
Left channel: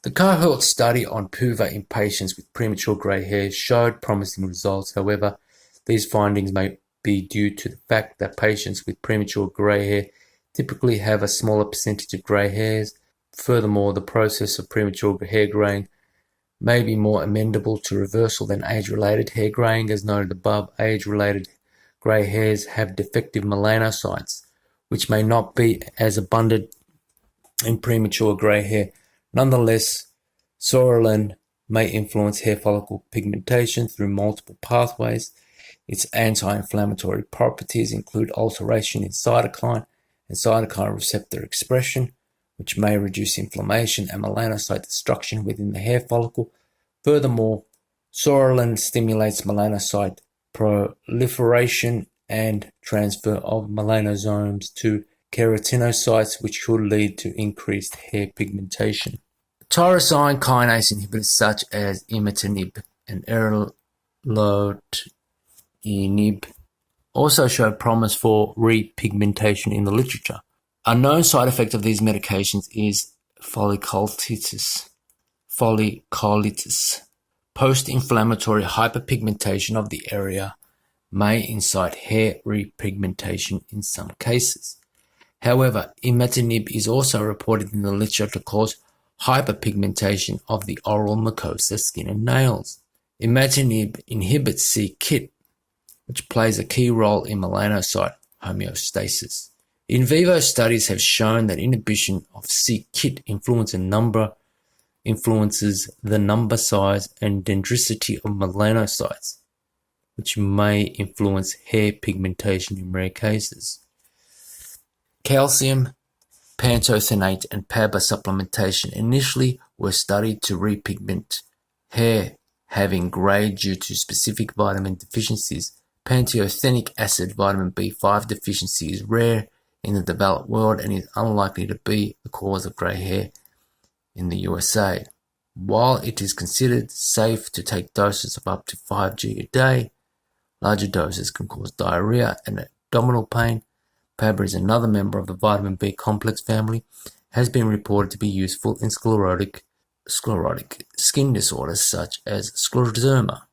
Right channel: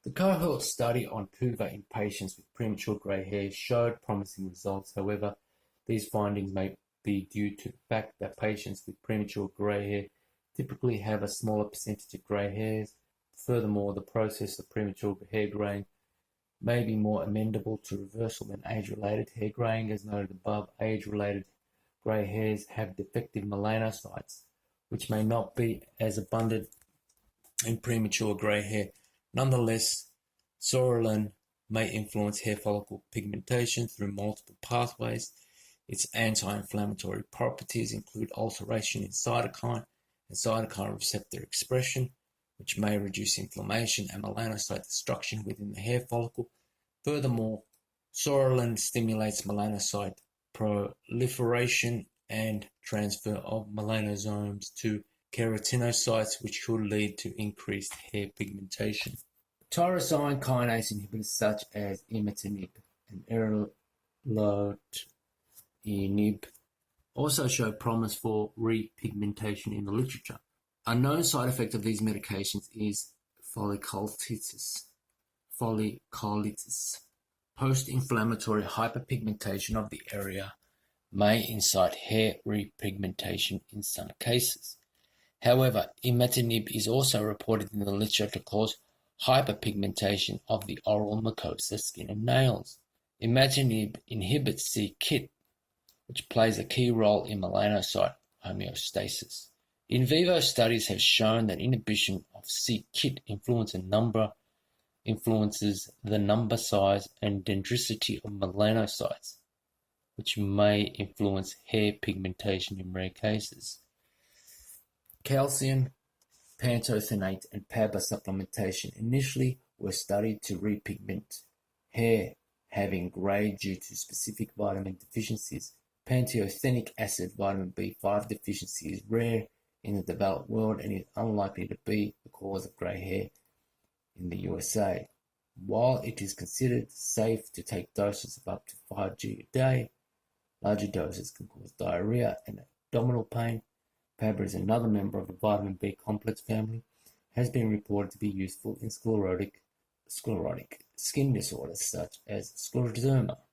The cohort study on PUVA in patients with premature grey hair showed promising results. However, these findings may be due to the fact that patients with premature grey hair typically have a smaller percentage of grey hairs. Furthermore, the process of premature hair graying may be more amenable to reversal than age-related hair graying. As noted above, age-related grey hairs have defective melanocytes, which may not be as abundant in premature grey hair. Nonetheless, Sorelin may influence hair follicle pigmentation through multiple pathways. Its anti-inflammatory properties include alteration in cytokine and cytokine receptor expression, which may reduce inflammation and melanocyte destruction within the hair follicle. Furthermore, Sorelin stimulates melanocyte proliferation and transfer of melanosomes to keratinocytes, which could lead to increased hair pigmentation. Tyrosine kinase inhibitors such as imatinib and erlotinib also show promise for repigmentation in the literature. A known side effect of these medications is folliculitis. Post-inflammatory hyperpigmentation of the area may incite hair repigmentation in some cases. However, imatinib is also reported in the literature to cause hyperpigmentation of the oral mucosa, skin, and nails. Imatinib inhibits c-KIT, which plays a key role in melanocyte homeostasis. In vivo studies have shown that inhibition of c-KIT influences the number, size, and dendricity of melanocytes, which may influence hair pigmentation in rare cases. Calcium, pantothenate, and PABA supplementation initially were studied to repigment hair having grey due to specific vitamin deficiencies. Pantothenic acid vitamin B5 deficiency is rare in the developed world and is unlikely to be the cause of grey hair in the USA. While it is considered safe to take doses of up to 5g a day, larger doses can cause diarrhea and abdominal pain. PABA is another member of the vitamin B complex family, has been reported to be useful in sclerotic skin disorders such as scleroderma,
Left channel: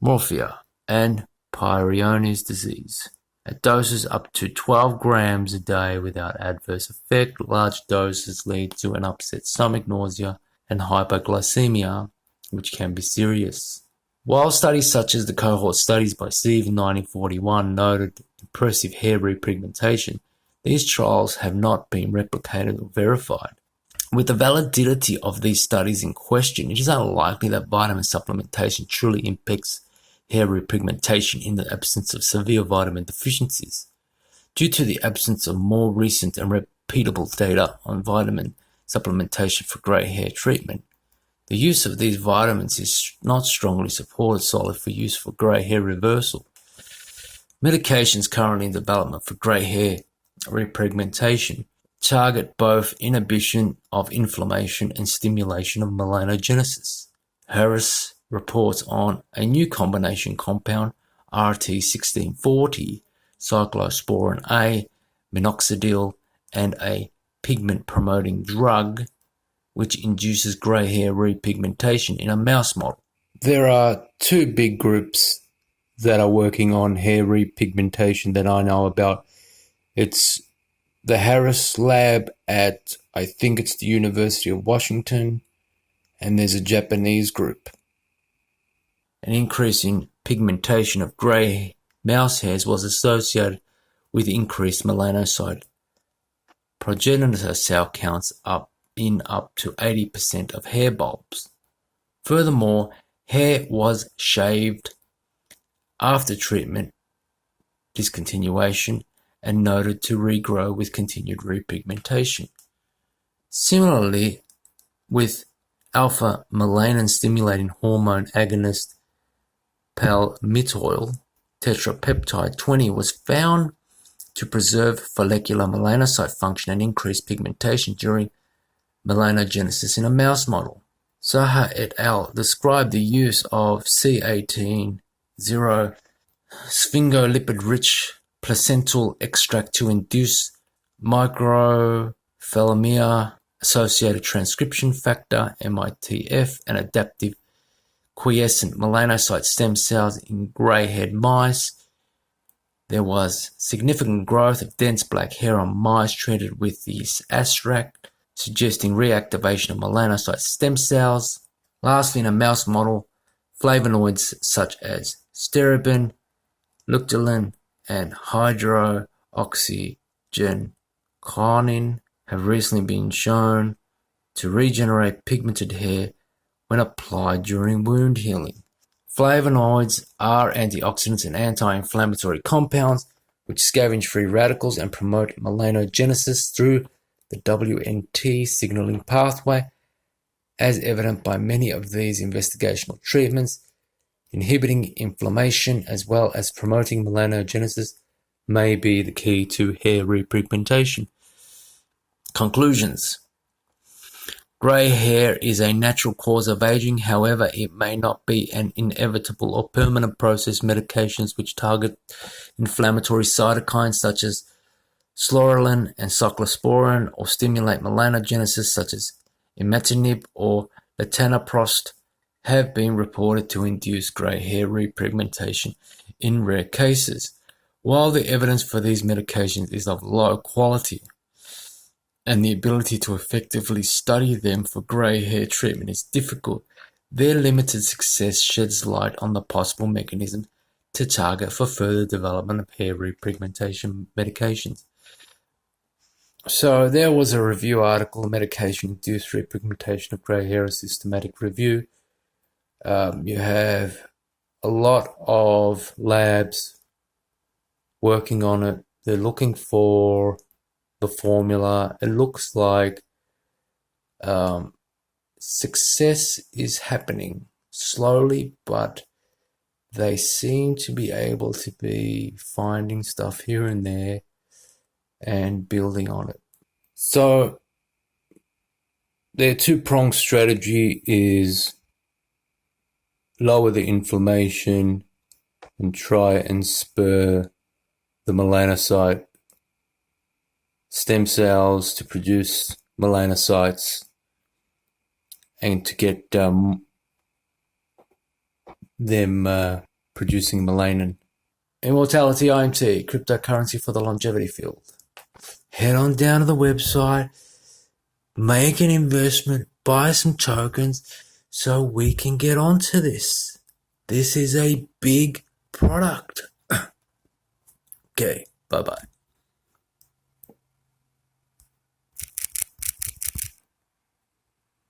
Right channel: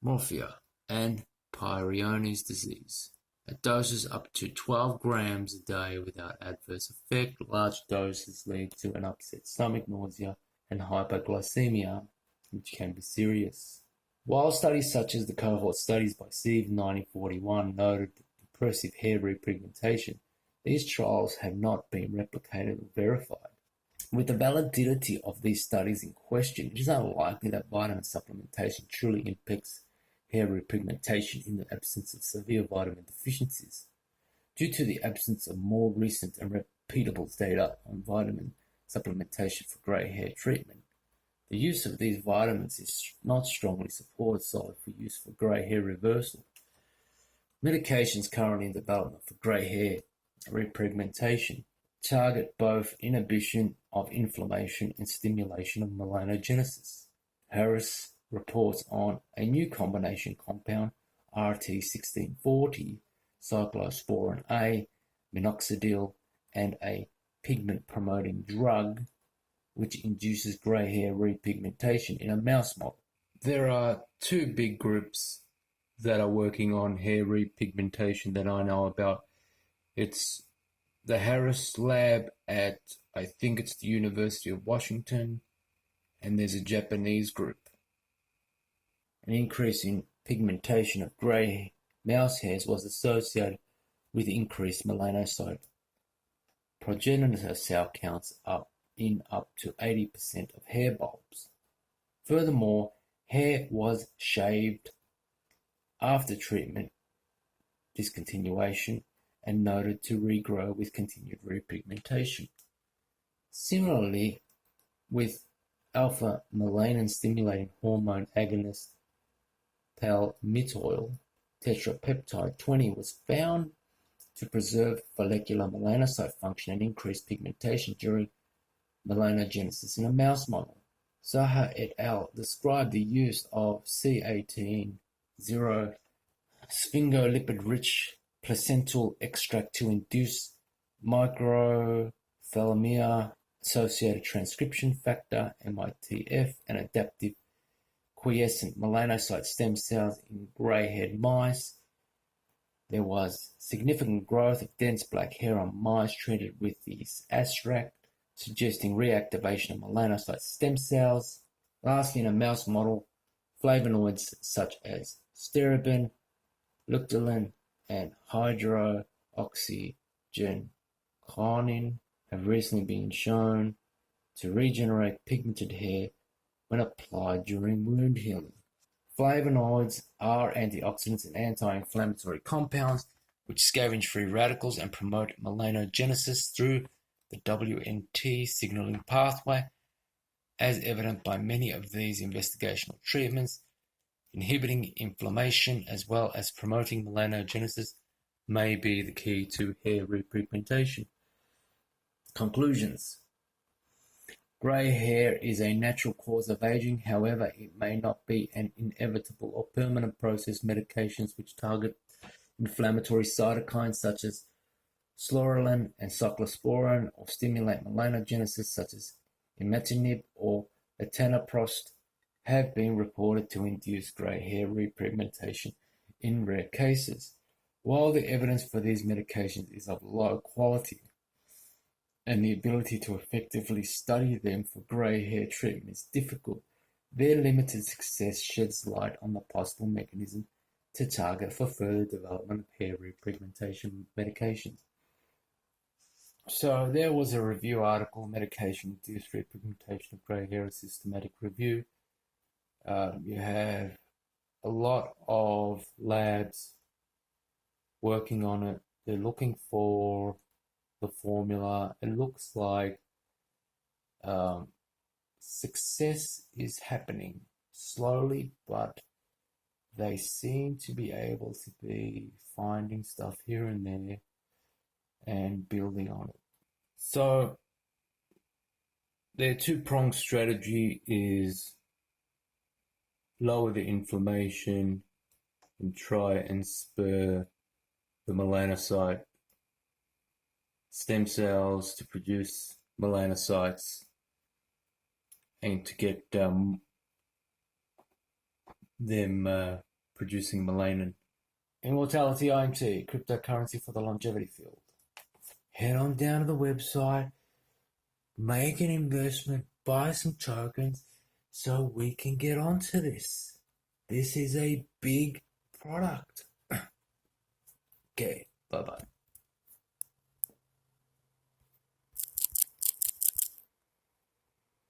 morphea, and Peyronie's disease. At doses up to 12 grams a day without adverse effect, large doses lead to an upset stomach, nausea, and hypoglycemia, which can be serious. While studies such as the cohort studies by Sieve in 1941 noted impressive hair repigmentation, these trials have not been replicated or verified. With the validity of these studies in question, it is unlikely that vitamin supplementation truly impacts hair repigmentation in the absence of severe vitamin deficiencies. Due to the absence of more recent and repeatable data on vitamin supplementation for grey hair treatment, the use of these vitamins is not strongly supported solely for use for grey hair reversal. Medications currently in development for grey hair repigmentation target both inhibition of inflammation and stimulation of melanogenesis. Harris reports on a new combination compound, RT1640, cyclosporin A, minoxidil, and a pigment-promoting drug, which induces grey hair repigmentation in a mouse model. There are two big groups that are working on hair repigmentation that I know about. It's the Harris lab at, I think it's the University of Washington, and there's a Japanese group. An increase in pigmentation of grey mouse hairs was associated with increased melanocyte progenitor cell counts up to 80% of hair bulbs. Furthermore, hair was shaved after treatment discontinuation and noted to regrow with continued repigmentation. Similarly, with alpha-melanin stimulating hormone agonist palmitoyl tetrapeptide 20 was found to preserve follicular melanocyte function and increase pigmentation during melanogenesis in a mouse model. Saha et al. Described the use of C18-0 sphingolipid-rich placental extract to induce microphthalmia-associated transcription factor, MITF, and adaptive quiescent melanocyte stem cells in grey-haired mice. There was significant growth of dense black hair on mice treated with this extract, suggesting reactivation of melanocyte stem cells. Lastly, in a mouse model, flavonoids such as steribin, lucteolin, and hydroxygenconin have recently been shown to regenerate pigmented hair when applied during wound healing. Flavonoids are antioxidants and anti-inflammatory compounds which scavenge free radicals and promote melanogenesis through the WNT signaling pathway, as evident by many of these investigational treatments. Inhibiting inflammation as well as promoting melanogenesis may be the key to hair repigmentation. Conclusions. Grey hair is a natural cause of aging. However, it may not be an inevitable or permanent process. Medications which target inflammatory cytokines such as scleroline and cyclosporin, or stimulate melanogenesis such as imatinib or latanoprost, have been reported to induce grey hair repigmentation in rare cases. While the evidence for these medications is of low quality, and the ability to effectively study them for grey hair treatment is difficult, their limited success sheds light on the possible mechanism to target for further development of hair repigmentation medications. So there was a review article, Medication-Induced Repigmentation of Grey Hair, a systematic review. You have a lot of labs working on it. They're looking for the formula. It looks like success is happening slowly, but they seem to be able to be finding stuff here and there and building on it. So their two-pronged strategy is lower the inflammation and try and spur the melanocyte stem cells to produce melanocytes and to get them producing melanin. Immortality IMT, cryptocurrency for the longevity field. Head on down to the website, make an investment, buy some tokens so we can get onto this. This is a big product. Okay, bye-bye.